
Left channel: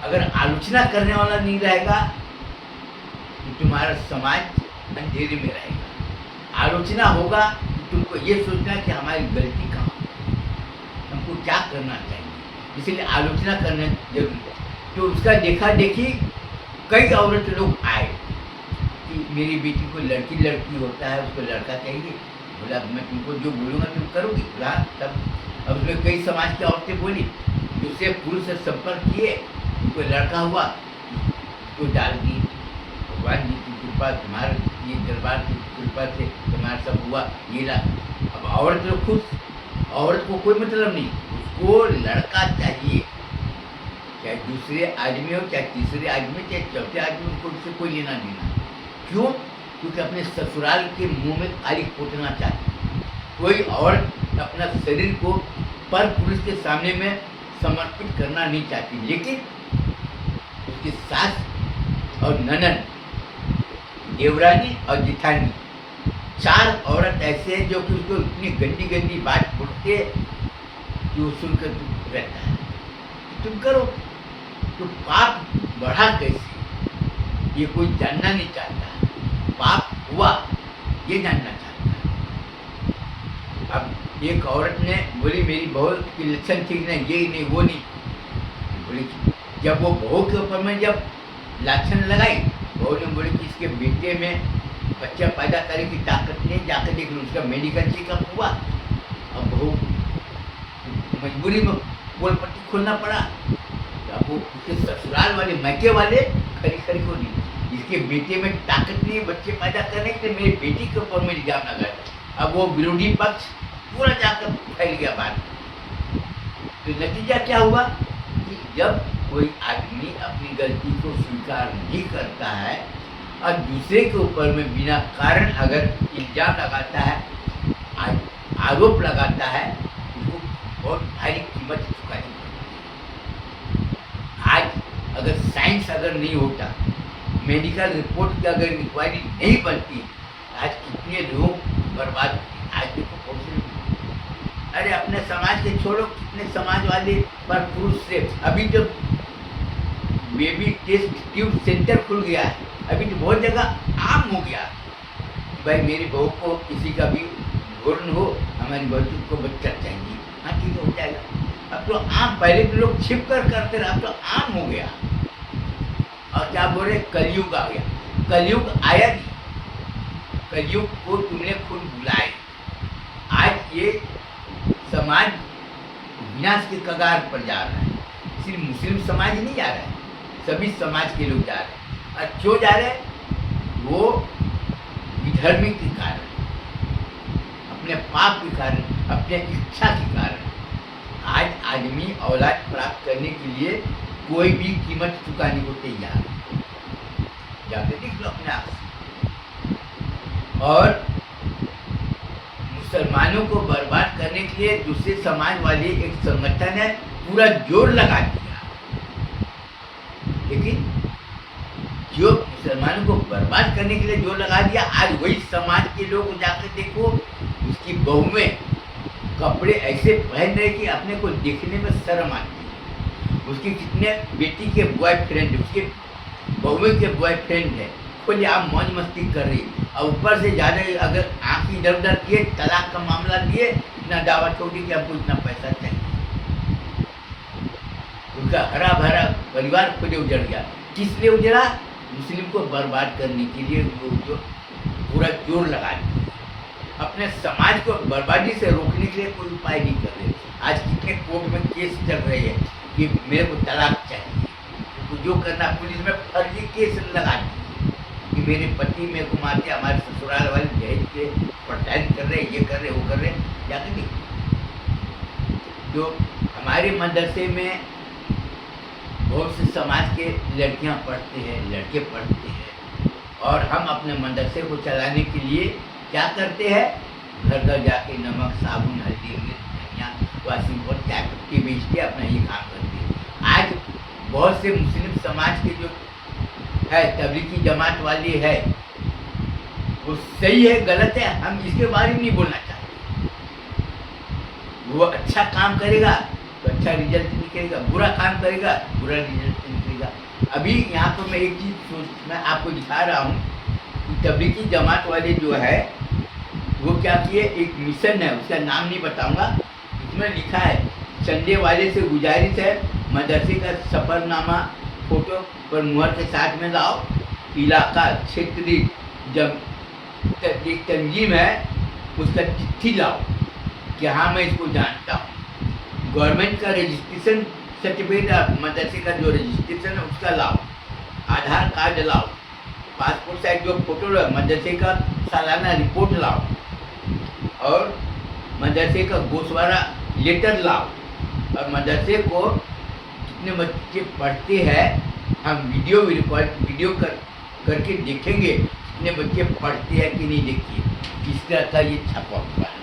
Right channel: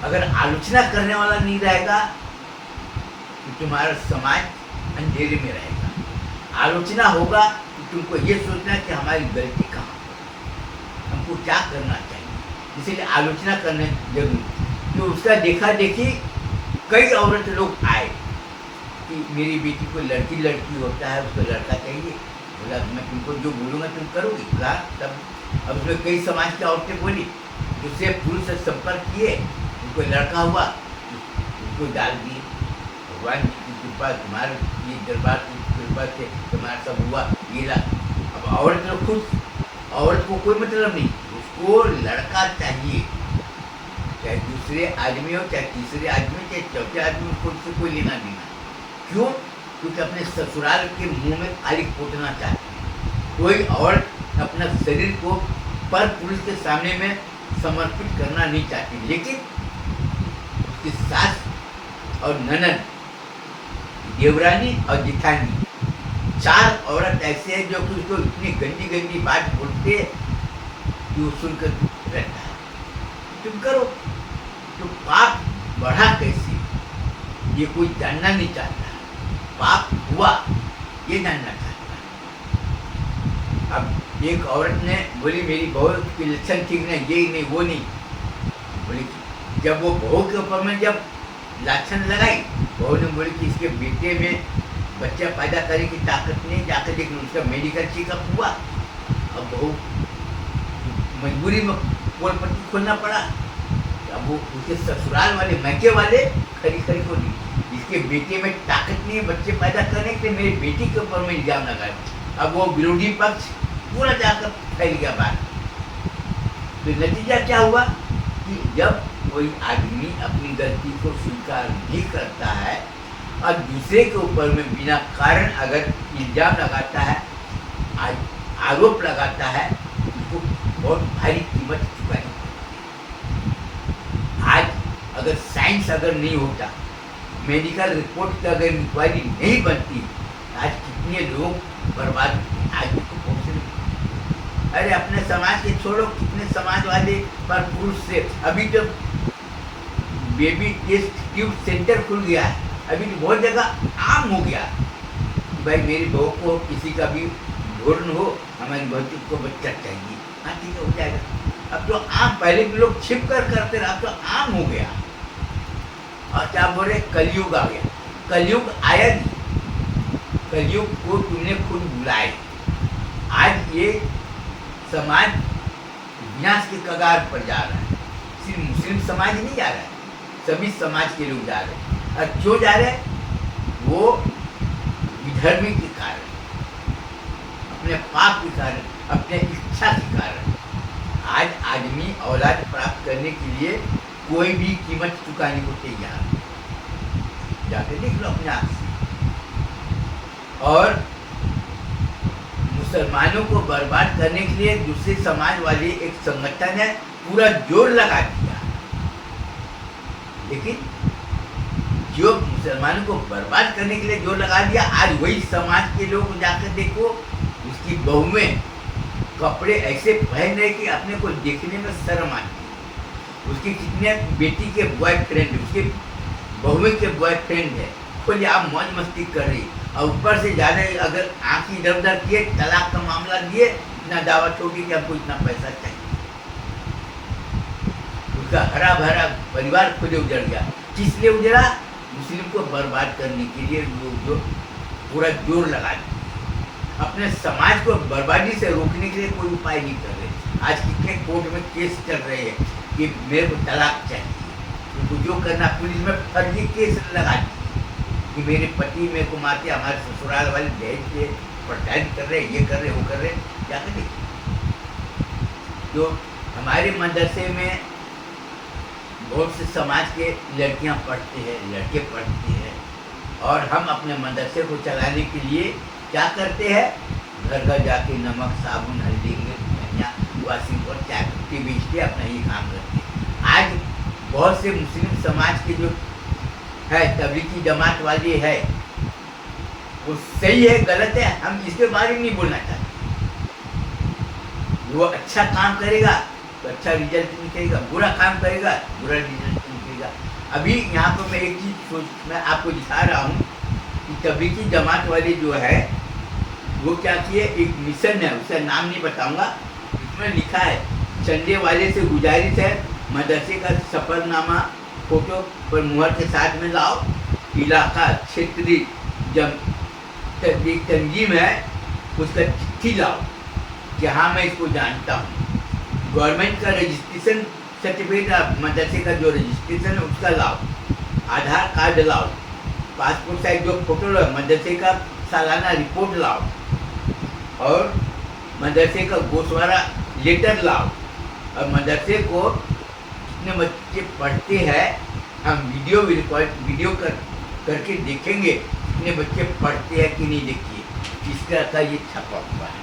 अगर आलोचना करने वाला नहीं रहेगा तो तुम्हारा समाज अंधेरे में रहेगा। आलोचना होगा तो तुमको ये सोचना कि हमारी गलती कहाँ है, हमको क्या करना चाहिए, इसलिए आलोचना करने जरूरी है। तो उसका देखा देखी कई औरत लोग आए कि मेरी बेटी को लड़की लड़की होता है, उसको लड़का चाहिए। बोला मैं तुमको जो बोलूँगा तुम करोगी, बोला तब। अब उसमें कई समाज की औरतें बोली, दूसरे पुरुष से संपर्क किए, उनको लड़का हुआ, उसको डाल दिए। भगवान जी की कृपा, तुम्हारे ये दरबार की कृपा से तुम्हारा सब हुआ, ये ला। अब औरत लोग खुश, औरत को कोई मतलब नहीं, उसको लड़का चाहिए, चाहे दूसरे आदमी हो, चाहे तीसरे आदमी, चाहे चौथे आदमी, उसको उससे कोई लेना देना। क्यों? क्योंकि अपने ससुराल के मुंह में खाली पोतना चाहती। कोई औरत अपना शरीर को पर पुरुष के सामने में समर्पित करना नहीं चाहती, लेकिन उसकी सास और ननद देवरानी और जिठानी, 4 औरत ऐसे हैं जो कि उसको इतनी गंदी गंदी बात बोलते हैं कि वो सुनकर रहता है। तुम करो तो पाप बढ़ा कैसे, ये कोई जानना नहीं चाहता। पाप हुआ ये जानना चाहता है। अब एक औरत ने बोली मेरी बहू की लक्षण ठीक नहीं, ये नहीं वो नहीं बोली। जब वो बहू के ऊपर में जब लक्षण लगाई, बहू ने बोली कि इसके बेटे में बच्चा पैदा करने की ताकत नहीं, जाकर देख लो। उसका मेडिकल चेकअप हुआ। अब बहू मजबूरी में पोल पट्टी खोलना पड़ा। अब वो उसके ससुराल वाले मैके वाले खरी खरी को दी, इसके बेटे में ताकत नहीं है बच्चे पैदा करने के लिए, मेरी बेटी के ऊपर में इल्जाम लगाया। अब वो विरोधी पक्ष पूरा जाकर फैल गया बात। तो नतीजा क्या हुआ कि जब कोई आदमी अपनी गलती को स्वीकार नहीं करता है और दूसरे के ऊपर में बिना कारण अगर इल्जाम लगाता है, आरोप लगाता है, उसको बहुत भारी कीमत चुकानी पड़ती। आज अगर साइंस अगर नहीं होता, मेडिकल रिपोर्ट की अगर इंक्वायरी नहीं बनती, आज कितने लोग बर्बाद आगे को पहुँचे। अरे अपने समाज के छोड़ो, कितने समाज वाले पर पुरुष से अभी तो बेबी टेस्ट ट्यूब सेंटर खुल गया है। अभी तो बहुत जगह आम हो गया कि भाई मेरी बहू को किसी का भी भ्रूण हो, हमारी बहू को बच्चा चाहिए, हाँ ठीक है हो जाएगा। अब तो आम, पहले भी लोग छिप कर करते रहा, तो आम हो गया। और क्या बोल रहे, कलयुग आ गया। कलयुग आया नहीं, कलयुग को तुमने खुद बुलाए। आज ये समाज विनाश के कगार पर जा रहा है। सिर्फ मुस्लिम समाज नहीं जा रहा है, सभी समाज के लोग जा रहे हैं। और क्यों जा रहे हैं? वो विधर्मी के कारण, अपने पाप के कारण, अपने इच्छा के कारण। आज आदमी औलाद प्राप्त करने के लिए कोई भी कीमत चुकाने को तैयार है। जाके देख लो अपने आप से। और मुसलमानों को बर्बाद करने के लिए दूसरे समाज वाले एक संगठन है, पूरा जोर लगा दिया। लेकिन जो मुसलमानों को बर्बाद करने के लिए जोर लगा दिया, आज वही समाज के लोग जाकर देखो, उसकी बहू में कपड़े ऐसे पहन रहे कि अपने को देखने में शर्म आती है। उसकी कितने बेटी के बॉयफ्रेंड, उसके बहू के बॉयफ्रेंड है, खोले आप मौज मस्ती कर रही, और ऊपर से ज़्यादा अगर आँख इधर उधर किए, तलाक का मामला दिए, इतना दावा छोड़ी कि आपको इतना पैसा चाहिए। उनका हरा भरा परिवार खुद उजड़ गया। किस लिए उजड़ा? मुस्लिम को बर्बाद करने के लिए वो पूरा जोर लगा दिया। अपने समाज को बर्बादी से रोकने के लिए कोई उपाय नहीं कर रहे। आज कितने कोर्ट में केस चल रहे हैं कि मेरे को तलाक चाहिए, उनको जो करना, पुलिस में फर्जी केस लगा दिए कि मेरे पति मेरे को मारते, हमारे ससुराल वाले दहेज के प्रताड़ित कर रहे, ये कर रहे, वो कर रहे। जाकर देखिए, जो हमारे मदरसे में बहुत से समाज के लड़कियां पढ़ते हैं, लड़के पढ़ते हैं, और हम अपने मदरसे को चलाने के लिए क्या करते हैं, घर घर जाके नमक, साबुन, हल्दी, मिर्च, धनिया, वाशिंग और चाय पत्ती बेचते, अपना ये काम करते हैं। आज बहुत से मुस्लिम समाज के जो है, तबलीगी जमात वाली है, वो सही है गलत है हम इसके बारे में नहीं बोलना चाहते। वो अच्छा काम करेगा तो अच्छा रिजल्ट निकलेगा, बुरा काम करेगा बुरा रिजल्ट निकलेगा। अभी यहाँ पर मैं एक चीज़ मैं आपको दिखा रहा हूँ कि तबलीगी जमात वाले जो है वो क्या किए, एक मिशन है, उसका नाम नहीं बताऊंगा, उसमें लिखा है संडे वाले से गुजारिश है मदरसे का सफरनामा फोटो पर मुहर के साथ में लाओ, इलाका क्षेत्रीय तंजीम है उसका चिट्ठी लाओ कि हाँ मैं इसको जानता हूँ, गवर्नमेंट का रजिस्ट्रेशन सर्टिफिकेट, मदरसे का जो रजिस्ट्रेशन है उसका लाओ, आधार कार्ड लाओ, पासपोर्ट साइज जो फोटो लाओ, मदरसे का सालाना रिपोर्ट लाओ, और मदरसे का गोशवारा लेटर लाओ, और मदरसे को कितने बच्चे पढ़ते हैं हम वीडियो करके देखेंगे कितने बच्चे पढ़ते हैं कि नहीं। देखिए किस तरह का ये छपा हुआ है।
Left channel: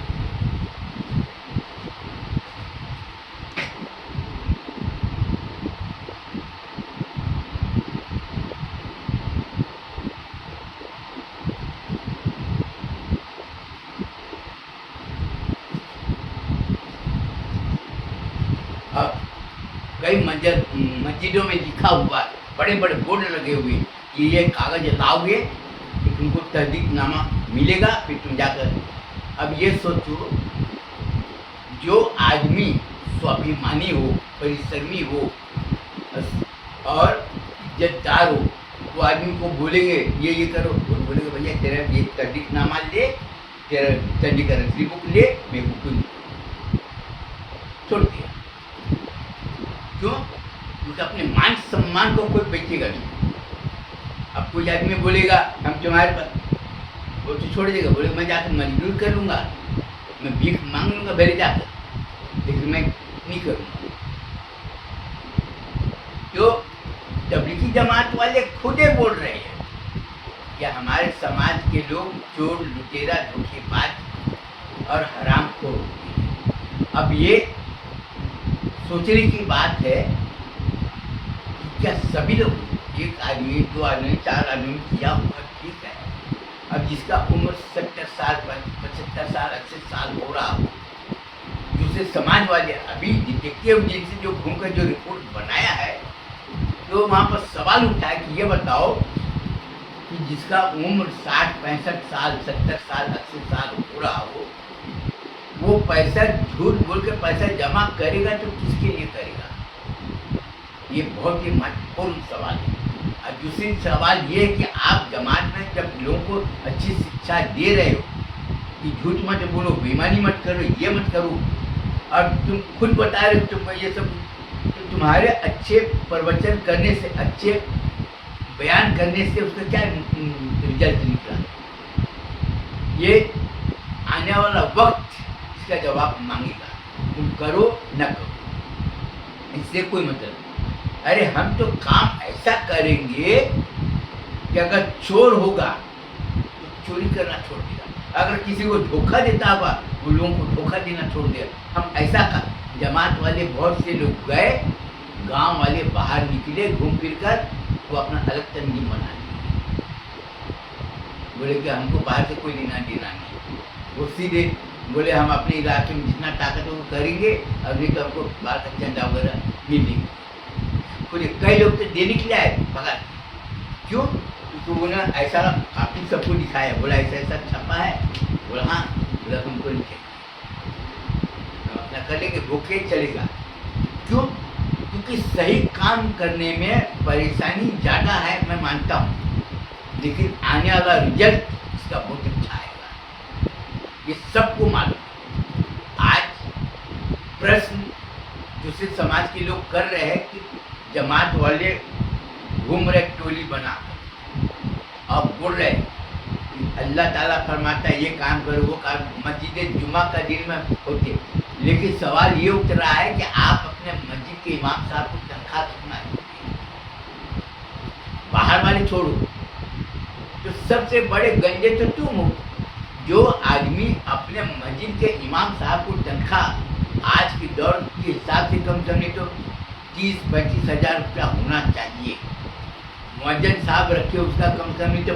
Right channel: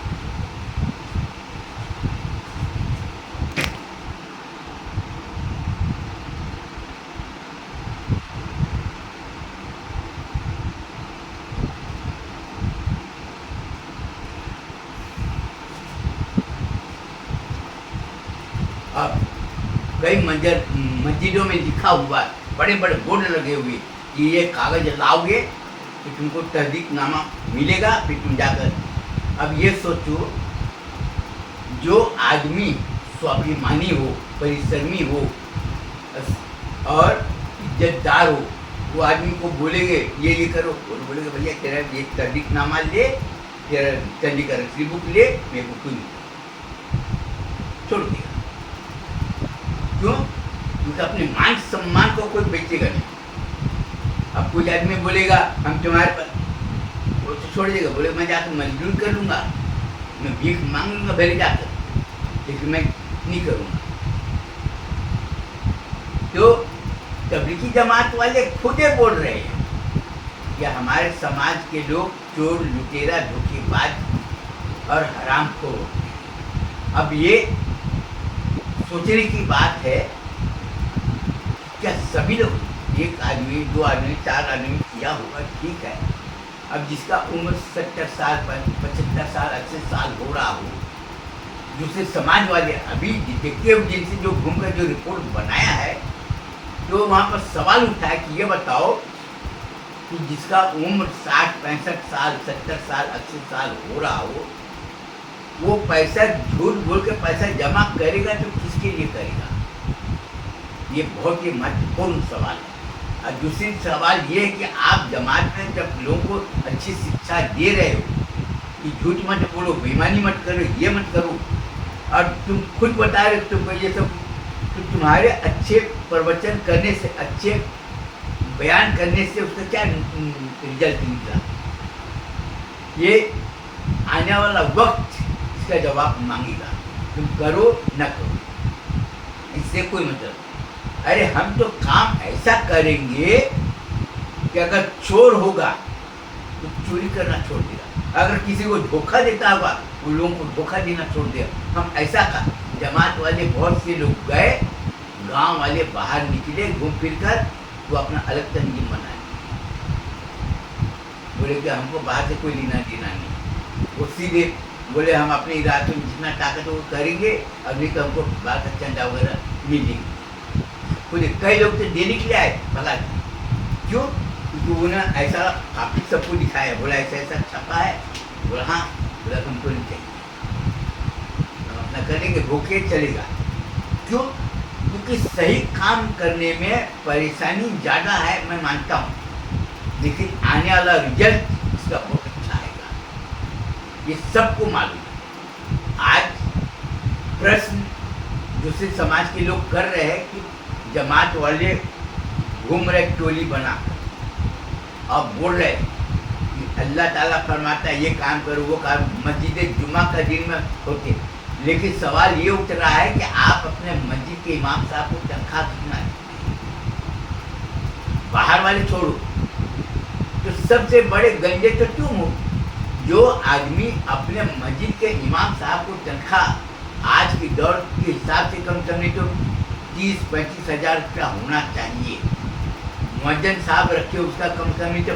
कई मस्जिदों में लिखा हुआ है, बड़े बड़े बोर्ड लगे हुए कि ये कागज लाओगे कि तुमको तहदीकनामा मिलेगा, फिर तुम जाकर। अब ये सोचो, जो आदमी स्वाभिमानी हो, परिश्रमी हो और इज्जतदार हो, वो आदमी को बोलेंगे ये करो, वो बोलेंगे भैया तेरा ये तहदीकनामा ले, तेरा चंडीगढ़ की बुक ले, मेरे को कोई छोड़ दिया। क्यों? क्योंकि अपने मान सम्मान को कोई बेचेगा नहीं। अब कोई आदमी बोलेगा हम तुम्हारे पास, वो तो छोड़ देगा, बोले मैं जाकर मजदूर कर लूँगा, मैं भीख मांग लूँगा भले जाकर, लेकिन मैं नहीं करूँगा। तो तबलीगी जमात वाले खुद ही बोल रहे हैं कि हमारे समाज के लोग चोर, लुटेरा, धोखेबाज और हरामखोर होते हैं। अब ये सोचने की बात है, क्या सभी लोग, एक आदमी, दो आदमी, चार आदमी किया हुआ ठीक है। अब जिसका उम्र 70 साल, 75 साल, 80 साल हो रहा हो, दूसरे समाज वाले अभी डिटेक्टिव जिनसे जो घूमकर जो रिपोर्ट बनाया है, तो वहाँ पर सवाल उठा है कि ये बताओ कि जिसका उम्र 60, 65 साल, 70 साल, 80 साल हो रहा हो, वो पैसा झूठ बोल के पैसा जमा करेगा तो किसके लिए करेगा? ये बहुत ही महत्वपूर्ण सवाल है। और दूसरी सवाल ये है कि आप जमात में जब लोगों को अच्छी शिक्षा दे रहे हो कि झूठ मत बोलो, बेईमानी मत करो, ये मत करो, और तुम खुद बता रहे हो तुम ये सब, तो तुम्हारे अच्छे प्रवचन करने से, अच्छे बयान करने से उसका क्या रिजल्ट निकला? ये आने वाला वक्त इसका जवाब मांगेगा, तुम करो न करो, इससे कोई मतलब। अरे हम तो काम ऐसा करेंगे कि अगर चोर होगा तो चोरी करना छोड़ देगा, अगर किसी को धोखा देता होगा वो लोगों को धोखा देना छोड़ देगा। हम ऐसा कर, जमात वाले बहुत से लोग गए, गांव वाले बाहर निकले घूम फिर कर, वो अपना अलग तंजीम बनाए, बोले कि हमको बाहर से कोई लेना देना नहीं। वो सीधे बोले हम अपने इलाके में जितना ताकत हो वो करेंगे, अभी तो हमको बाहर का चंदा वगैरह मिलेंगे। बोले कई लोग तो देने के लिए आए भला, क्यों? क्योंकि उन्होंने ऐसा काफी सबको दिखाया, बोला ऐसा ऐसा छपा है, बोला हाँ, बोला तुमको नहीं चाहिए, हम अपना करेंगे, भूखे चलेगा। क्यों? क्योंकि सही काम करने में परेशानी ज़्यादा है, मैं मानता हूँ, लेकिन आने वाला रिजल्ट इसका बहुत अच्छा आएगा, ये सबको मालूम। आज प्रश्न दूसरे समाज के लोग कर रहे हैं कि जमात वाले घूम रहे टोली बना और बोल रहे कि अल्लाह ताला फरमाता है ये काम करो, वो काम, मस्जिद जुमा का दिन में होते। लेकिन सवाल ये उठ रहा है कि आप अपने मस्जिद के इमाम साहब को तनख्वाह कितना है? बाहर वाले छोड़ो, तो सबसे बड़े गंजे तो तुम हो। जो आदमी अपने मस्जिद के इमाम साहब को तनख्वाह आज के दौर के हिसाब से कम से कम तो 30-35 हज़ार रुपया होना चाहिए। मुअज्जिन साहब रखे उसका कम से कम तो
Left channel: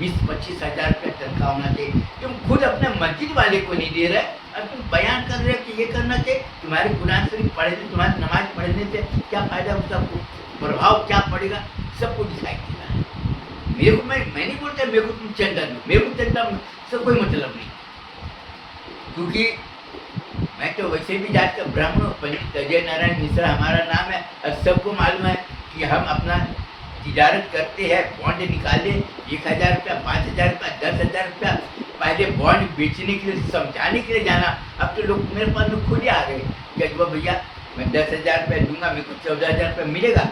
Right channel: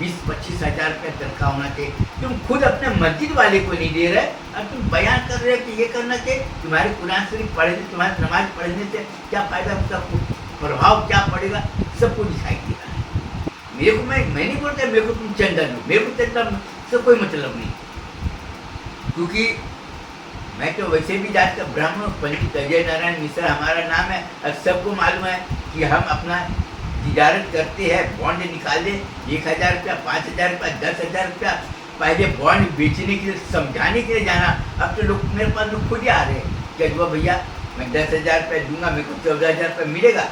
20-25 हज़ार रुपया तनख्वाह होना चाहिए। तुम खुद अपने मस्जिद वाले को नहीं दे रहे और तुम बयान कर रहे हो कि ये करना चाहिए। तुम्हारे कुरान शरीफ पढ़ने, तुम्हारी नमाज पढ़ने से क्या फ़ायदा, उसका प्रभाव क्या पड़ेगा, सबको दिखाई दे रहा है। मेरे को, मैं नहीं बोलता मेरे को तुम चंदा दो, मेरे को चंदा से कोई मतलब नहीं, क्योंकि मैं तो वैसे भी जात का ब्राह्मण, पंडित अजय नारायण मिश्रा हमारा नाम है, और सबको मालूम है कि हम अपना तिजारत करते हैं। बॉन्ड निकाले 1,000 रुपया, 5,000 रुपया, 10,000 रुपया, पहले बॉन्ड बेचने के लिए, समझाने के लिए जाना। अब तो लोग मेरे पास लोग खुद ही आ रहे हैं कि अजवा भैया मैं 10,000 रुपया दूंगा, मेरे को 14,000 रुपया मिलेगा,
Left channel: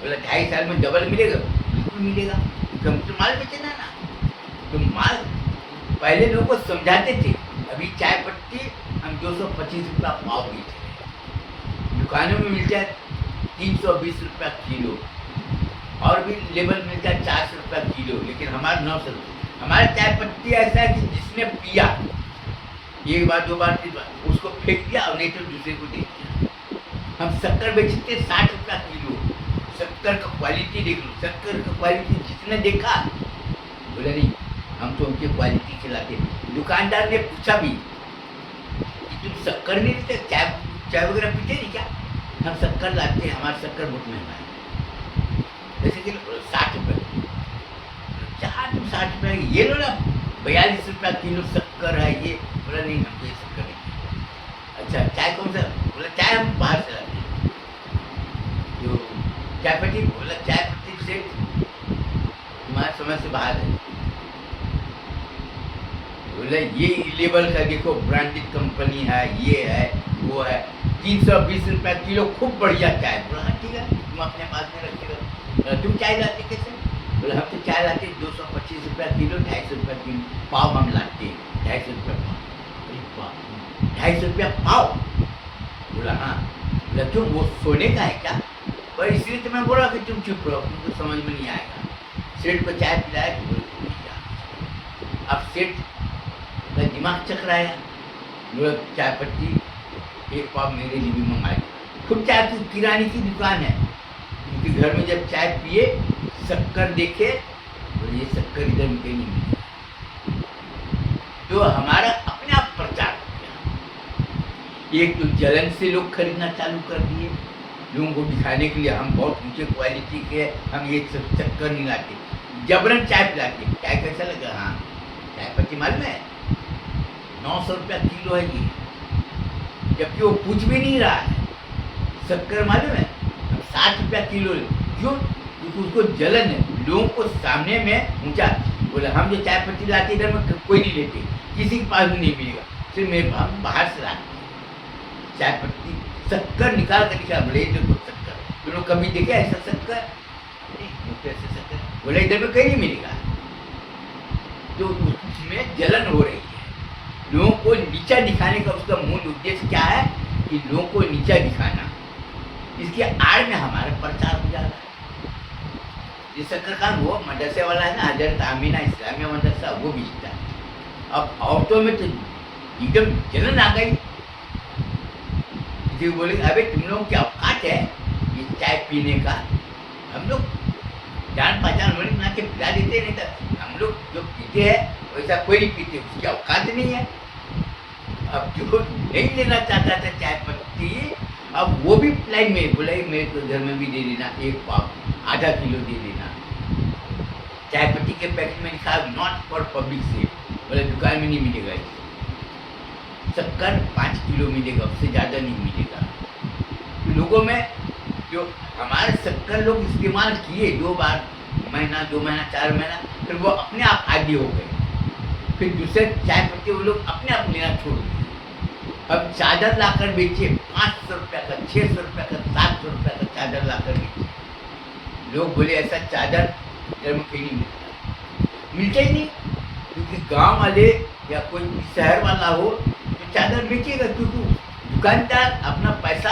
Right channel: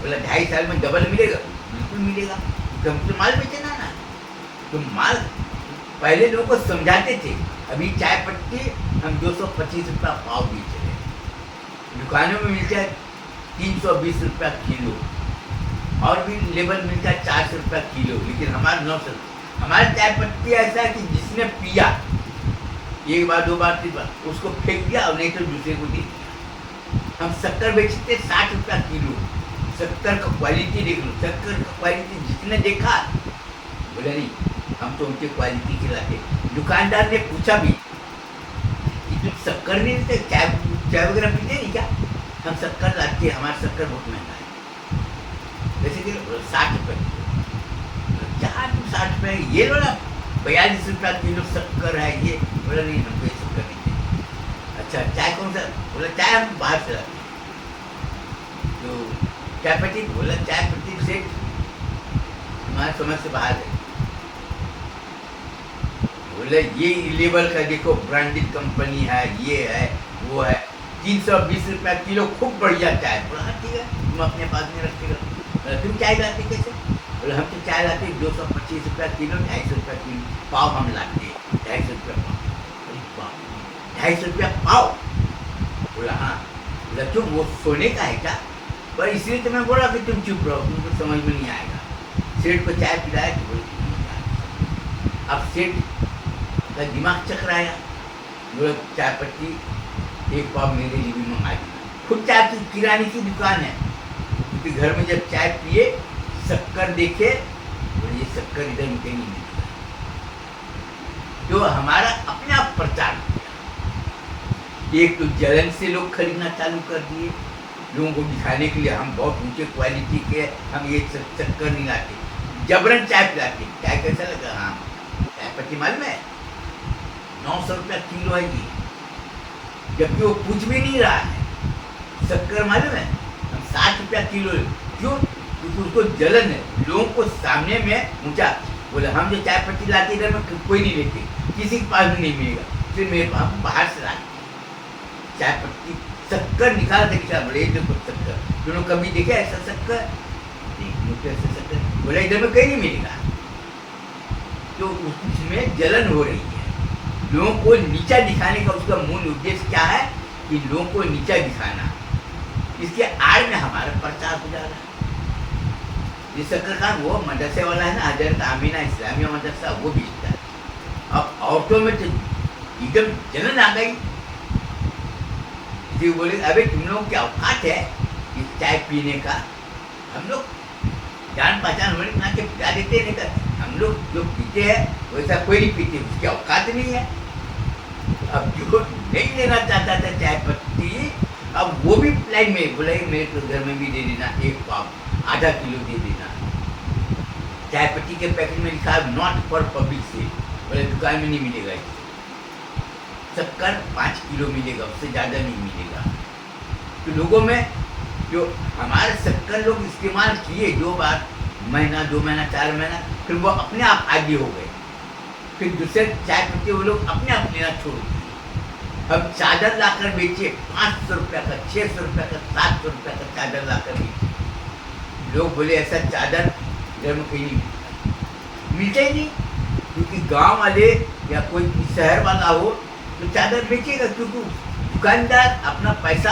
बोला 2.5 साल में डबल मिलेगा। बिल्कुल मिलेगा, तुम तो माल बेचना ना, तुम माल पहले लोगों को समझाते थे। अभी चाय पत्ती हम 225 रुपया पाव बेच रहे हैं, दुकानों में मिलता है 320 रुपया किलो, और भी लेबल मिलता है 400 रुपया किलो, लेकिन हमारा 900 रुपया। हमारी चाय पत्ती ऐसा है कि जिसने पिया एक बार, दो बार, 3 बार, उसको फेंक दिया और नहीं तो दूसरे को दे दिया। हम शक्कर बेचते 60 रुपया किलो। शक्कर का क्वालिटी देख लो, शक्कर का क्वालिटी जिसने देखा बोले नहीं हम तो उनकी क्वालिटी खिलाते। दुकानदार ने पूछा भी कि तुम शक्कर नहीं देते, चाय वगैरह पीते नहीं क्या? हम शक्कर लाते हैं, हमारा शक्कर बहुत महंगा है। जैसे कि 60 रुपये, क्या तुम 60 रुपये ये लो ना, 42 रुपया किलो शक्कर है ये। बोला नहीं, हमको ये शक्कर नहीं है। अच्छा चाय कौन सा? बोला चाय हम बाहर से लाते हैं। तो चाय पत्ती? बोला चाय पत्ती से हमारे समझ से बाहर है। बोले ये लेवल का देखो, ब्रांडेड कंपनी है, ये है वो है, 320 रुपया किलो, खूब बढ़िया चाय। बोला हाँ ठीक है, तुम अपने पास में रखेगा। तुम चाय लाते कैसे? बोले हम तो चाय लाते 225 रुपया किलो, 250 रुपया किलो पाव हम लाते हैं, 250 रुपया पाव। 250 रुपया पाव? बोला हाँ। बोला क्यों, वो सोने का है क्या? पर इसलिए तो मैं बोला कि तुम चुप रहो, तुमको समझ में नहीं आएगा। सेठ को चाय पिलाया तो बोले नहीं जाना। अब सेठ का दिमाग चकराया। बोला चाय पत्ती एक पाव मेरे लिए भी मंगा दी। खुद चाय की किराने की दुकान है, क्योंकि घर में जब चाय पिए शक्कर देखे, बोले ये शक्कर इधर में कहीं नहीं मिलता। तो हमारा अपने आप प्रचार किया। एक तो जलन से लोग खरीदना चालू कर दिए, लोगों को दिखाने के लिए हम बहुत ऊंचे क्वालिटी के, हम ये शक्कर नहीं लाते, जबरन चाय पिलाते। चाय कैसा लगा? हाँ चाय पत्ती मालूम है 900 रुपया किलो है ये, जबकि वो पूछ भी नहीं रहा है। शक्कर मालूम है हम 60 रुपया किलो। क्यों? क्योंकि उसको जलन है, लोगों को सामने में ऊंचा। बोले हम जो चाय पत्ती लाते इधर में कोई नहीं लेते, किसी के पास भी नहीं मिलेगा, फिर मेरे हम बाहर से लाते चाय पत्ती। शक्कर निकाल कर क्या? बोले देखो शक्कर, दोनों कभी देखे ऐसा शक्कर? ऐसा शक्कर? बोले इधर में कहीं नहीं मिलेगा। तो उसमें जलन हो रही है, लोगों को नीचा दिखाने का उसका मूल उद्देश्य क्या है कि लोगों को नीचा दिखाना। इसके आड़ में हमारा प्रचार हो जा रहा है। ये शक्कर खान वो मदरसे वाला है ना, हजरत आमीना इस्लामिया मदरसा, वो बेचता है। अब औरतों में तो एकदम जलन आ गई। जी बोले अबे तुम लोग क्या औकात है ये चाय पीने का? हम लोग जान पहचान होने बना के पिला देते, नहीं तो हम लोग जो पीते हैं वैसा कोई नहीं पीते, उसकी औकात नहीं है। अब जो नहीं लेना चाहता था चाय पत्ती, अब वो भी लाइन में बोला मेरे तो घर में भी दे देना, एक पाव आधा किलो दे देना। चाय पत्ती के पैकेट में लिखा नॉट फॉर पब्लिक सेल, बोले दुकान में नहीं मिलेगा। शक्कर 5 किलो मिलेगा, उससे ज़्यादा नहीं मिलेगा। तो लोगों में जो हमारे शक्कर लोग इस्तेमाल किए 2 बार, महीना 2 महीना 4 महीना, फिर वो अपने आप आगे हो गए। फिर दूसरे चाय पत्ती वो लोग अपने आप लेना छोड़ दिए। अब चादर लाकर बेचे 500 रुपया का, 600 रुपया का, 700 रुपया का चादर लाकर बेचे। लोग बोले ऐसा चादर इधर में कहीं नहीं मिलता, मिलता ही नहीं। क्योंकि गांव वाले या कोई शहर वाला हो तो चादर बेचेगा, क्योंकि दुकानदार अपना पैसा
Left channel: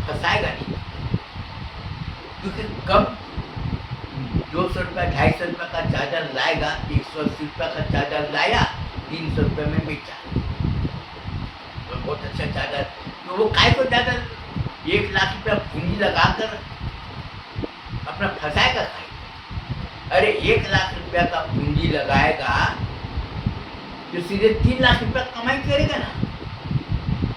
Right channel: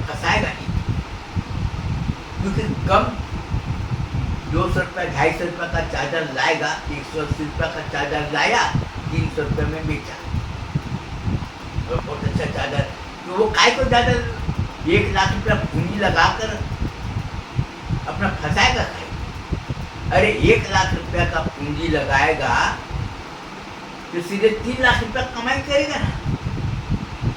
फंसाएगा नहीं। क्योंकि कम 200 रुपया 250 रुपया का चादर लाएगा, 180 रुपया का चादर लाया, 300 रुपये में बेचा, तो बहुत अच्छा चादर। तो वो काय को चादर 1 लाख रुपया पूंजी लगाकर अपना फंसाएगा काय? अरे 1 लाख रुपया का पूंजी लगाएगा तो सीधे 3 लाख रुपया कमाई करेगा ना।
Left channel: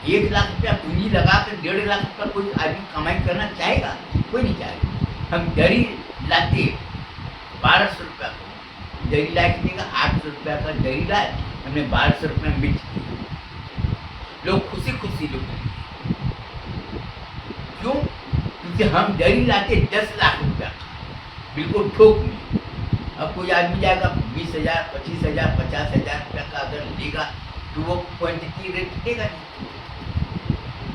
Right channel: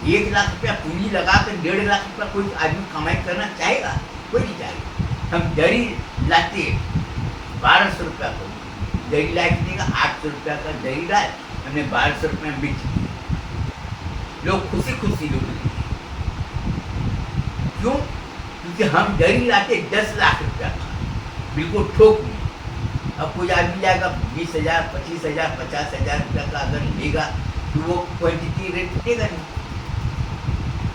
1 लाख रुपया पूंजी लगाकर 1.5 लाख रुपया कोई आदमी कमाई करना चाहेगा? कोई नहीं चाहेगा। हम दरी लाते 1200 रुपया को, दरी ला के देगा 800 रुपया का दरी लाए, हमने 1200 रुपये में बेच दिए। लोग खुशी खुशी लोग, क्यों? क्योंकि हम दरी लाते 10 लाख रुपया का, बिल्कुल थोक में। अब कोई आदमी जाएगा 20,000, 25,000, 50,000 रुपया का अगर लेगा तो वो क्वांटिटी रेट देगा नहीं।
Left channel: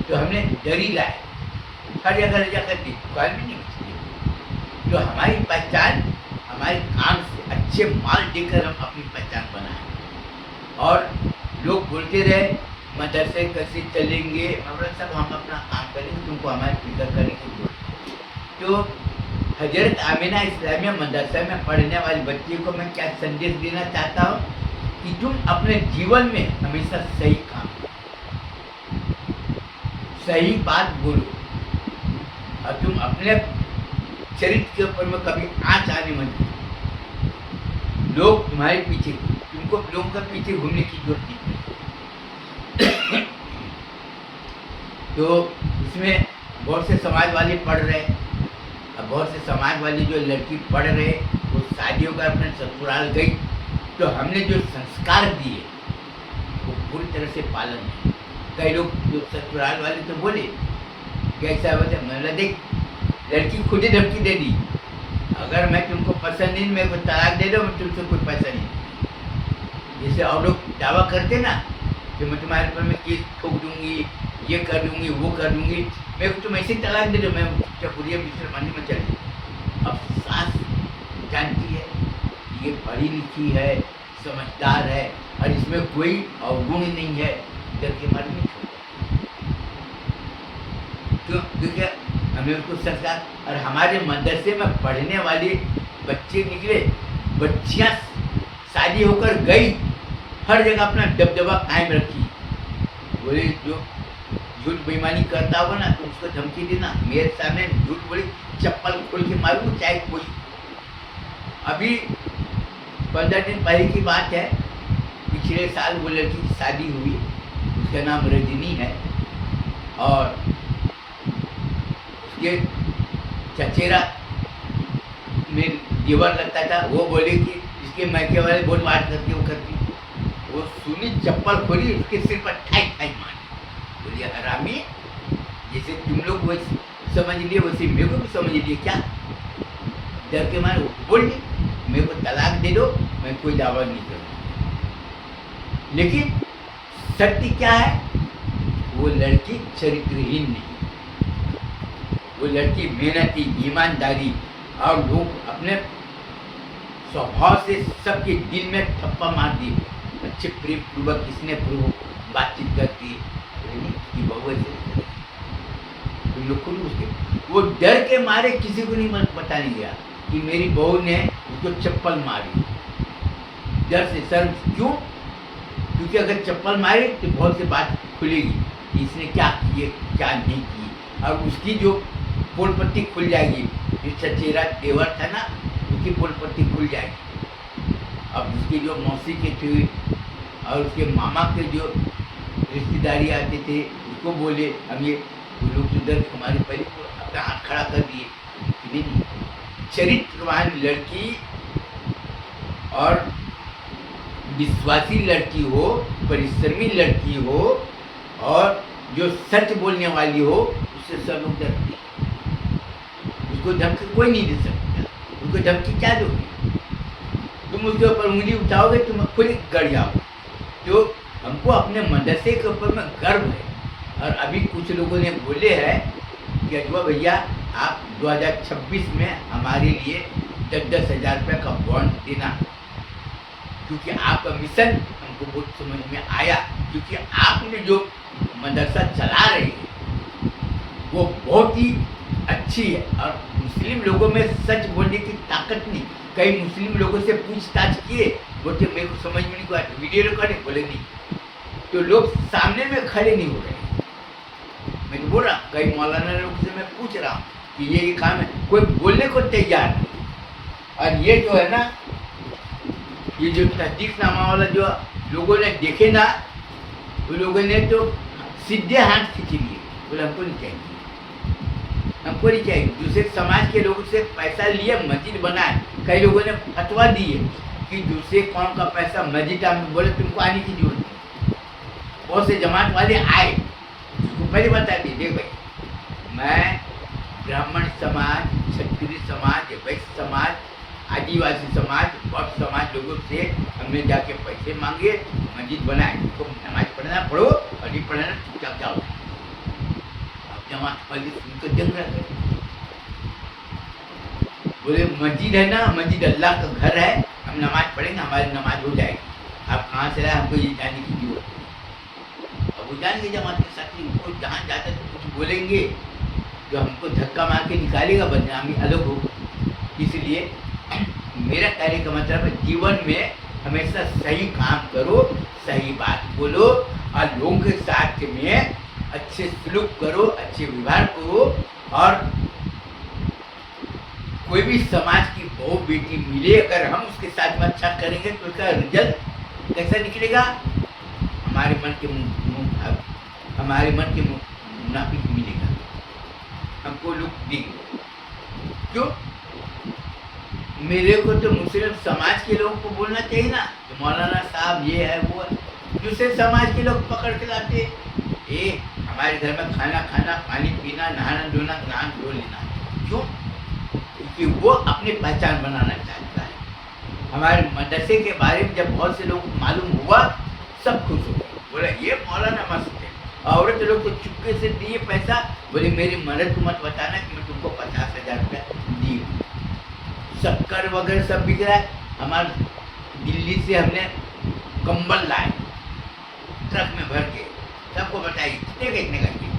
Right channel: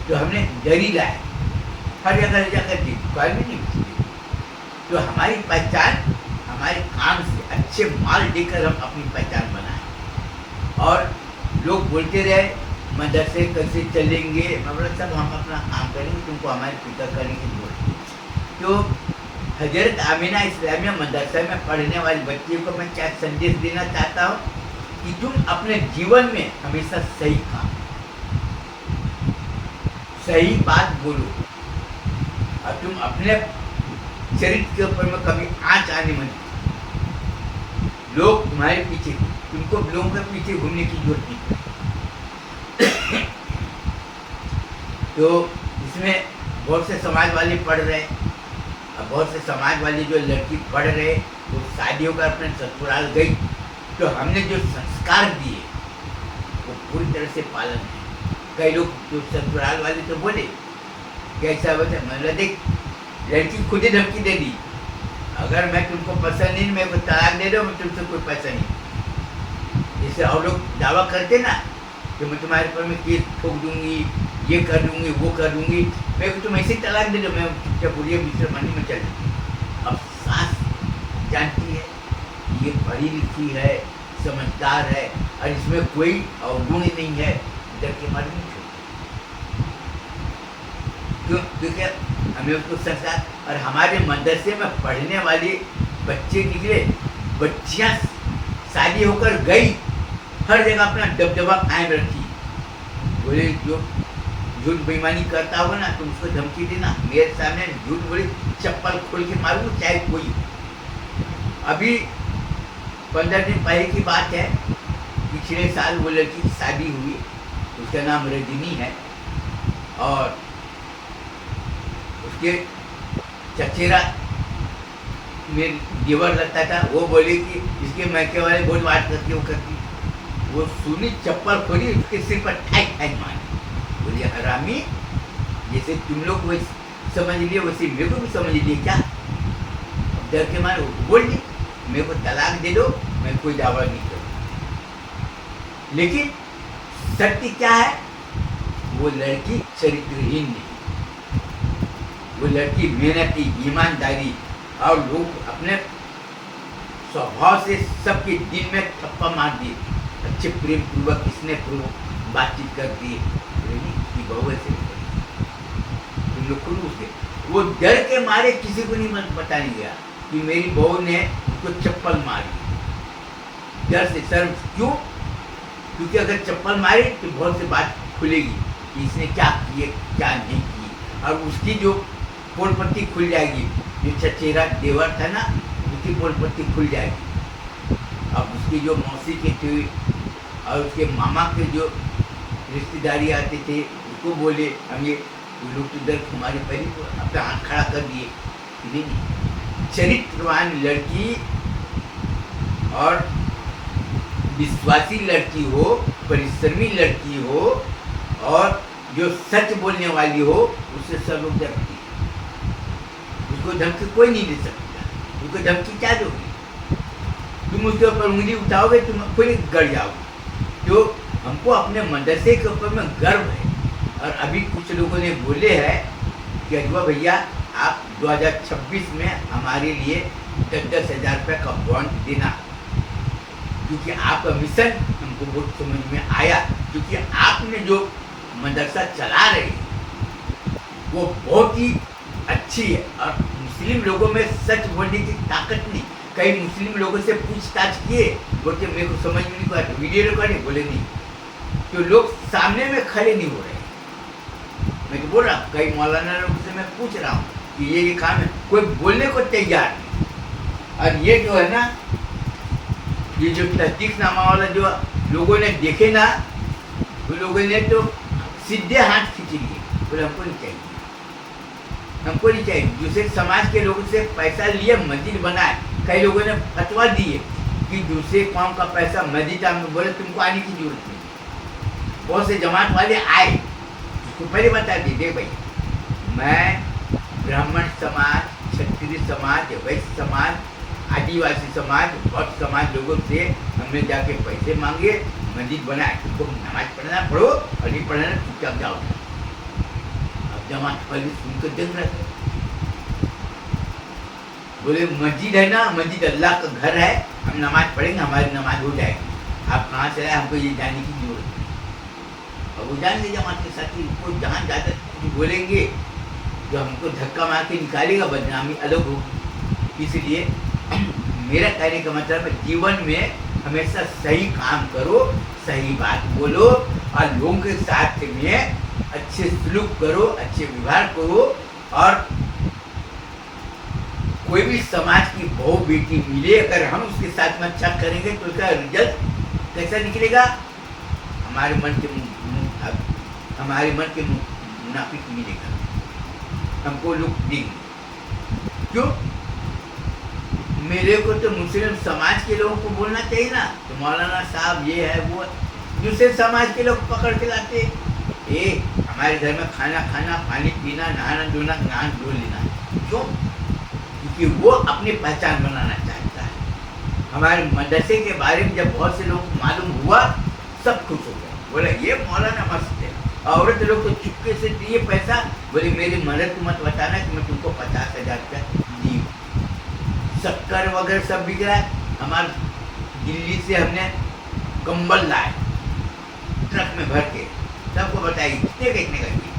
तो हमने दरी लाए, हर जगह जाकर दी, दुकान में नहीं बेची। तो हमारी पहचान हमारे काम से, अच्छे माल देकर हम अपनी पहचान बनाए। और लोग बोलते रहे मदरसे कैसे चलेंगे, मतलब सब हम अपना काम करेंगे, तुमको हमारे फिक्र करने की जरूरत है। तो हजरत आमीना इस्लामिया मदरसा में पढ़ने वाली बच्चियों को मैं क्या संदेश देना चाहता हूँ कि तुम अपने जीवन में हमेशा सही काम करो, सही बात बोलो, और तुम अपने चरित्र के ऊपर में कभी आँच आने मत दो। लोग तुम्हारे पीछे, तुमको लोगों के पीछे घूमने की जरूरत नहीं। तो इसमें बहुत से समाज वाले पढ़ रहे, अब बहुत से समाज वाली जो लड़की पढ़ रहे वो शादियों का अपने ससुराल गई, तो हमने जो संस्कार दिए वो पूरी तरह से पालन है। कई लोग जो ससुराल वाले तो बोले कैसा बोलते, मैंने देख लड़की खुद ही धमकी दे दी, अगर मैं तुमको पसंद नहीं, मेरे को तलाक दे दो, मैं तुमसे कोई पैसा नहीं। जैसे और लोग दावा करते ना कि मैं तुम्हारे पर में केस ठोक दूंगी, ये कर दूंगी, वो कर दूंगी, मेरे को तुम ऐसे ही तलाक दे दो, मैं क्या बुढ़िया दूसरे मंडी में चल दूँ। अब सास जानती है ये पढ़ी लिखी है, समझदार है, और इसमें कोई अवगुण नहीं है, डर के मारे नहीं छोड़ता। क्यों? क्योंकि हमें उसको संस्कार, और हमारे मदरसे में पढ़ने वाले बच्चे निकले, बच्चियाँ शादी होकर गई, हर जगह अपना दबदबा कायम रखी। बोले जो झूठ बेईमानी करता होगा ना, तुम उसको धमकी देना, मेरे सामने झूठ बोली चप्पल खोल के मारूंगा चाहे कोई। अभी 15 दिन पहले की बात है, पिछले साल वो लड़की की शादी हुई, उसका नाम रजनी है, और उसके चचेरा में देवर लगता था, वो बोले कि इसके मैके वाले बहुत बात करती, वो करती, वो सुनी चप्पल खोली, उसके सिर पर ठाई ठाई मारी। बोलिए हरामी, जैसे तुम लोग वैसे समझ लिए वैसे मेरे को भी समझ लिए क्या? डर के मारे बोल दी, मेरे को तलाक दे दो, मैं कोई दावा नहीं करूँ। लेकिन सत्य क्या है, वो लड़की चरित्रहीन नहीं, वो लड़की मेहनती, ईमानदारी, और लोग अपने स्वभाव से सबके दिल में थप्पा मार दिए, अच्छे प्रेम पूर्वक स्नेह पूर्वक बातचीत करती है। बहू ऐसे तुम लोग खुद उसके, वो डर के मारे किसी को नहीं बताने गया कि मेरी बहू ने उसको चप्पल मारी, डर से। सर क्यों? क्योंकि अगर चप्पल मारी तो बहुत सी बात खुलेगी कि इसने क्या किए क्या नहीं की, और उसकी जो पोल पट्टी खुल जाएगी, जो चचेरा देवर था ना, उसकी पोल पट्टी खुल जाएगी। अब उसकी जो मौसी के थे और उसके मामा के जो रिश्तेदारी आते थे, उसको बोले हम ये लोग इधर हमारे पहले अपना हाथ खड़ा कर दिए। नहीं, चरित्रवान लड़की और विश्वासी लड़की हो, परिश्रमी लड़की हो, और जो सच बोलने वाली हो, उससे सब लोग डरते हैं। उसको धमकी कोई नहीं दे सकता, उसको धमकी क्या दोगे? तुम उसके ऊपर उंगली उठाओगे, तुम खुद गड़ जाओगे। तो हमको अपने मदरसे के ऊपर में गर्व है, और अभी कुछ लोगों ने बोले हैं कि अजवा भैया आप 2026 में हमारे लिए 10-10 हज़ार रुपये का बॉन्ड देना, क्योंकि आपका मिशन हमको बहुत समझ में आया, क्योंकि आपने जो मदरसा चला रहे हैं वो बहुत ही अच्छी है, और मुस्लिम लोगों में सच बोलने की ताकत नहीं। कई मुस्लिम लोगों से पूछताछ किए, बोलते मेरे को समझ में नहीं आया, वीडियो रिकॉर्डिंग, बोले नहीं, तो लोग सामने में खड़े नहीं हो रहे। मैं तो बोल रहा, कई मौलाना लोग से मैं पूछ रहा हूँ कि ये काम है, कोई बोलने को तैयार नहीं। और ये जो है ना, ये जो तस्दीकनामा वाला जो लोगों ने देखे ना, वो लोगों ने तो सीधे हाथ खींच लिए, बोले हमको नहीं चाहिए, हमको नहीं चाहिए। दूसरे समाज के लोगों से पैसा लिए मस्जिद बनाए, कई लोगों ने फतवा दिए कि दूसरे कौम का पैसा मस्जिद में, बोले तुमको आने की जरूरत नहीं। बहुत से जमात वाले आए, उसको पहले बता दिए, देख भाई मैं ब्राह्मण समाज, क्षत्रिय समाज, वैश्य समाज, आदिवासी समाज, बहुत समाज लोगों से हमने जाके पैसे मांगे, मस्जिद बनाए, तुमको नमाज पढ़ना पढ़ो, और नहीं पढ़ना चुपचाप जाओ। अब जमात पहले सुनकर देख रहे, बोले मस्जिद है ना, मस्जिद अल्लाह का घर है, हम नमाज पढ़ेंगे, हमारी नमाज हो जाएगी, आप कहाँ से आए, हमको ये जाने की जरूरत है। अब वो जान गए जमात के साथी, उनको जहाँ जाकर कुछ बोलेंगे तो हमको धक्का मार के निकालेगा, बदनामी अलग होगी। इसलिए मेरा कहने का मतलब है, जीवन में हमेशा सही काम करो, सही बात बोलो, और लोगों के साथ में अच्छे सलूक करो, अच्छे व्यवहार करो। और कोई भी समाज की बहू बेटी मिले, अगर हम उसके साथ में अच्छा करेंगे तो उसका रिजल्ट कैसा निकलेगा? हमारे मन के मुनाफिक मिलेगा। हमको लोग देंगे। क्यों? मेरे को तो मुस्लिम समाज के लोगों को बोलना चाहिए ना, तो मौलाना साहब ये है वो है। दूसरे समाज के लोग पकड़ के लाते, ए हमारे घर में खाना खाना, पानी पीना, नहाना धोना, नहा धो लेना। क्यों? क्योंकि वो अपनी पहचान बनाना चाहता है। हमारे मदरसे के बारे में जब बहुत से लोग मालूम हुआ, सब खुश हो गए, बोला ये मौलाना मस्त है। औरत लोग को चुपके से दिए पैसा, बोले मेरी मदद को मत बताना कि मैं तुमको 50,000 रुपया दी। शक्कर वगैरह सब बिक रहा है। हमारे दिल्ली से हमने कंबल लाए ट्रक में भर के, सबको बताइए कितने का ये,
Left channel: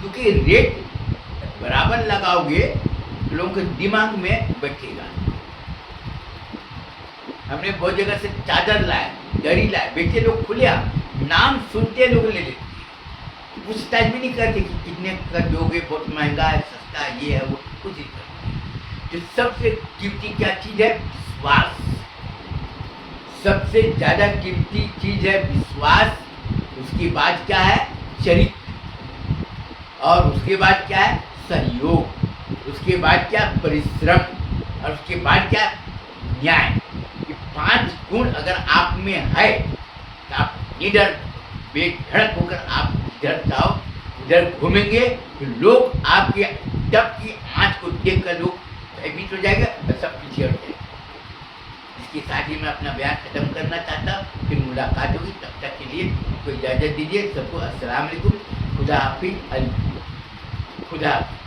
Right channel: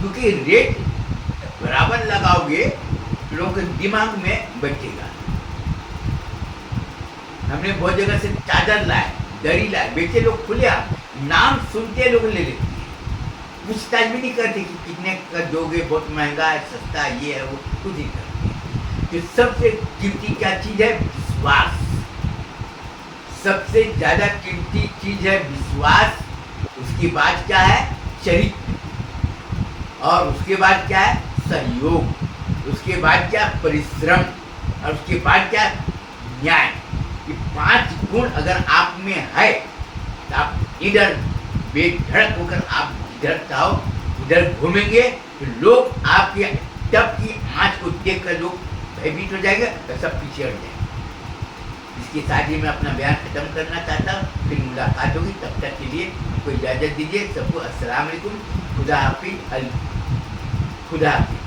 क्योंकि रेट बराबर लगाओगे तो लोगों के दिमाग में बचेगा। हमने बहुत जगह से चादर लाए, दरी लाए, बेचे लोग खुले, नाम सुनते लोग ले लेते, पूछताछ भी नहीं करते कि कितने का दोगे, बहुत महंगा है, सस्ता है, ये है वो, कुछ नहीं करते। तो सबसे कीमती क्या चीज है? विश्वास। सबसे ज्यादा कीमती चीज है विश्वास। उसकी बाद क्या है? चरित्र। और उसके बाद क्या है? सहयोग। उसके बाद क्या? परिश्रम। और उसके बाद क्या? न्याय। ये 5 गुण अगर आप में है तो आप इधर बेधड़क होकर आप इधर जाओ, उधर घूमेंगे तो लोग आपके डब की आंच को देखकर लोग भयभीत हो जाएगा तो सब पीछे हट जाएंगे। इसके साथ ही मैं अपना बयान खत्म करना चाहता हूँ। फिर मुलाकात होगी, तब तक के लिए आपको इजाज़त दीजिए। सबको अस्सलाम वालेकुम, खुदा हाफिज़, खुदा हाफिज़।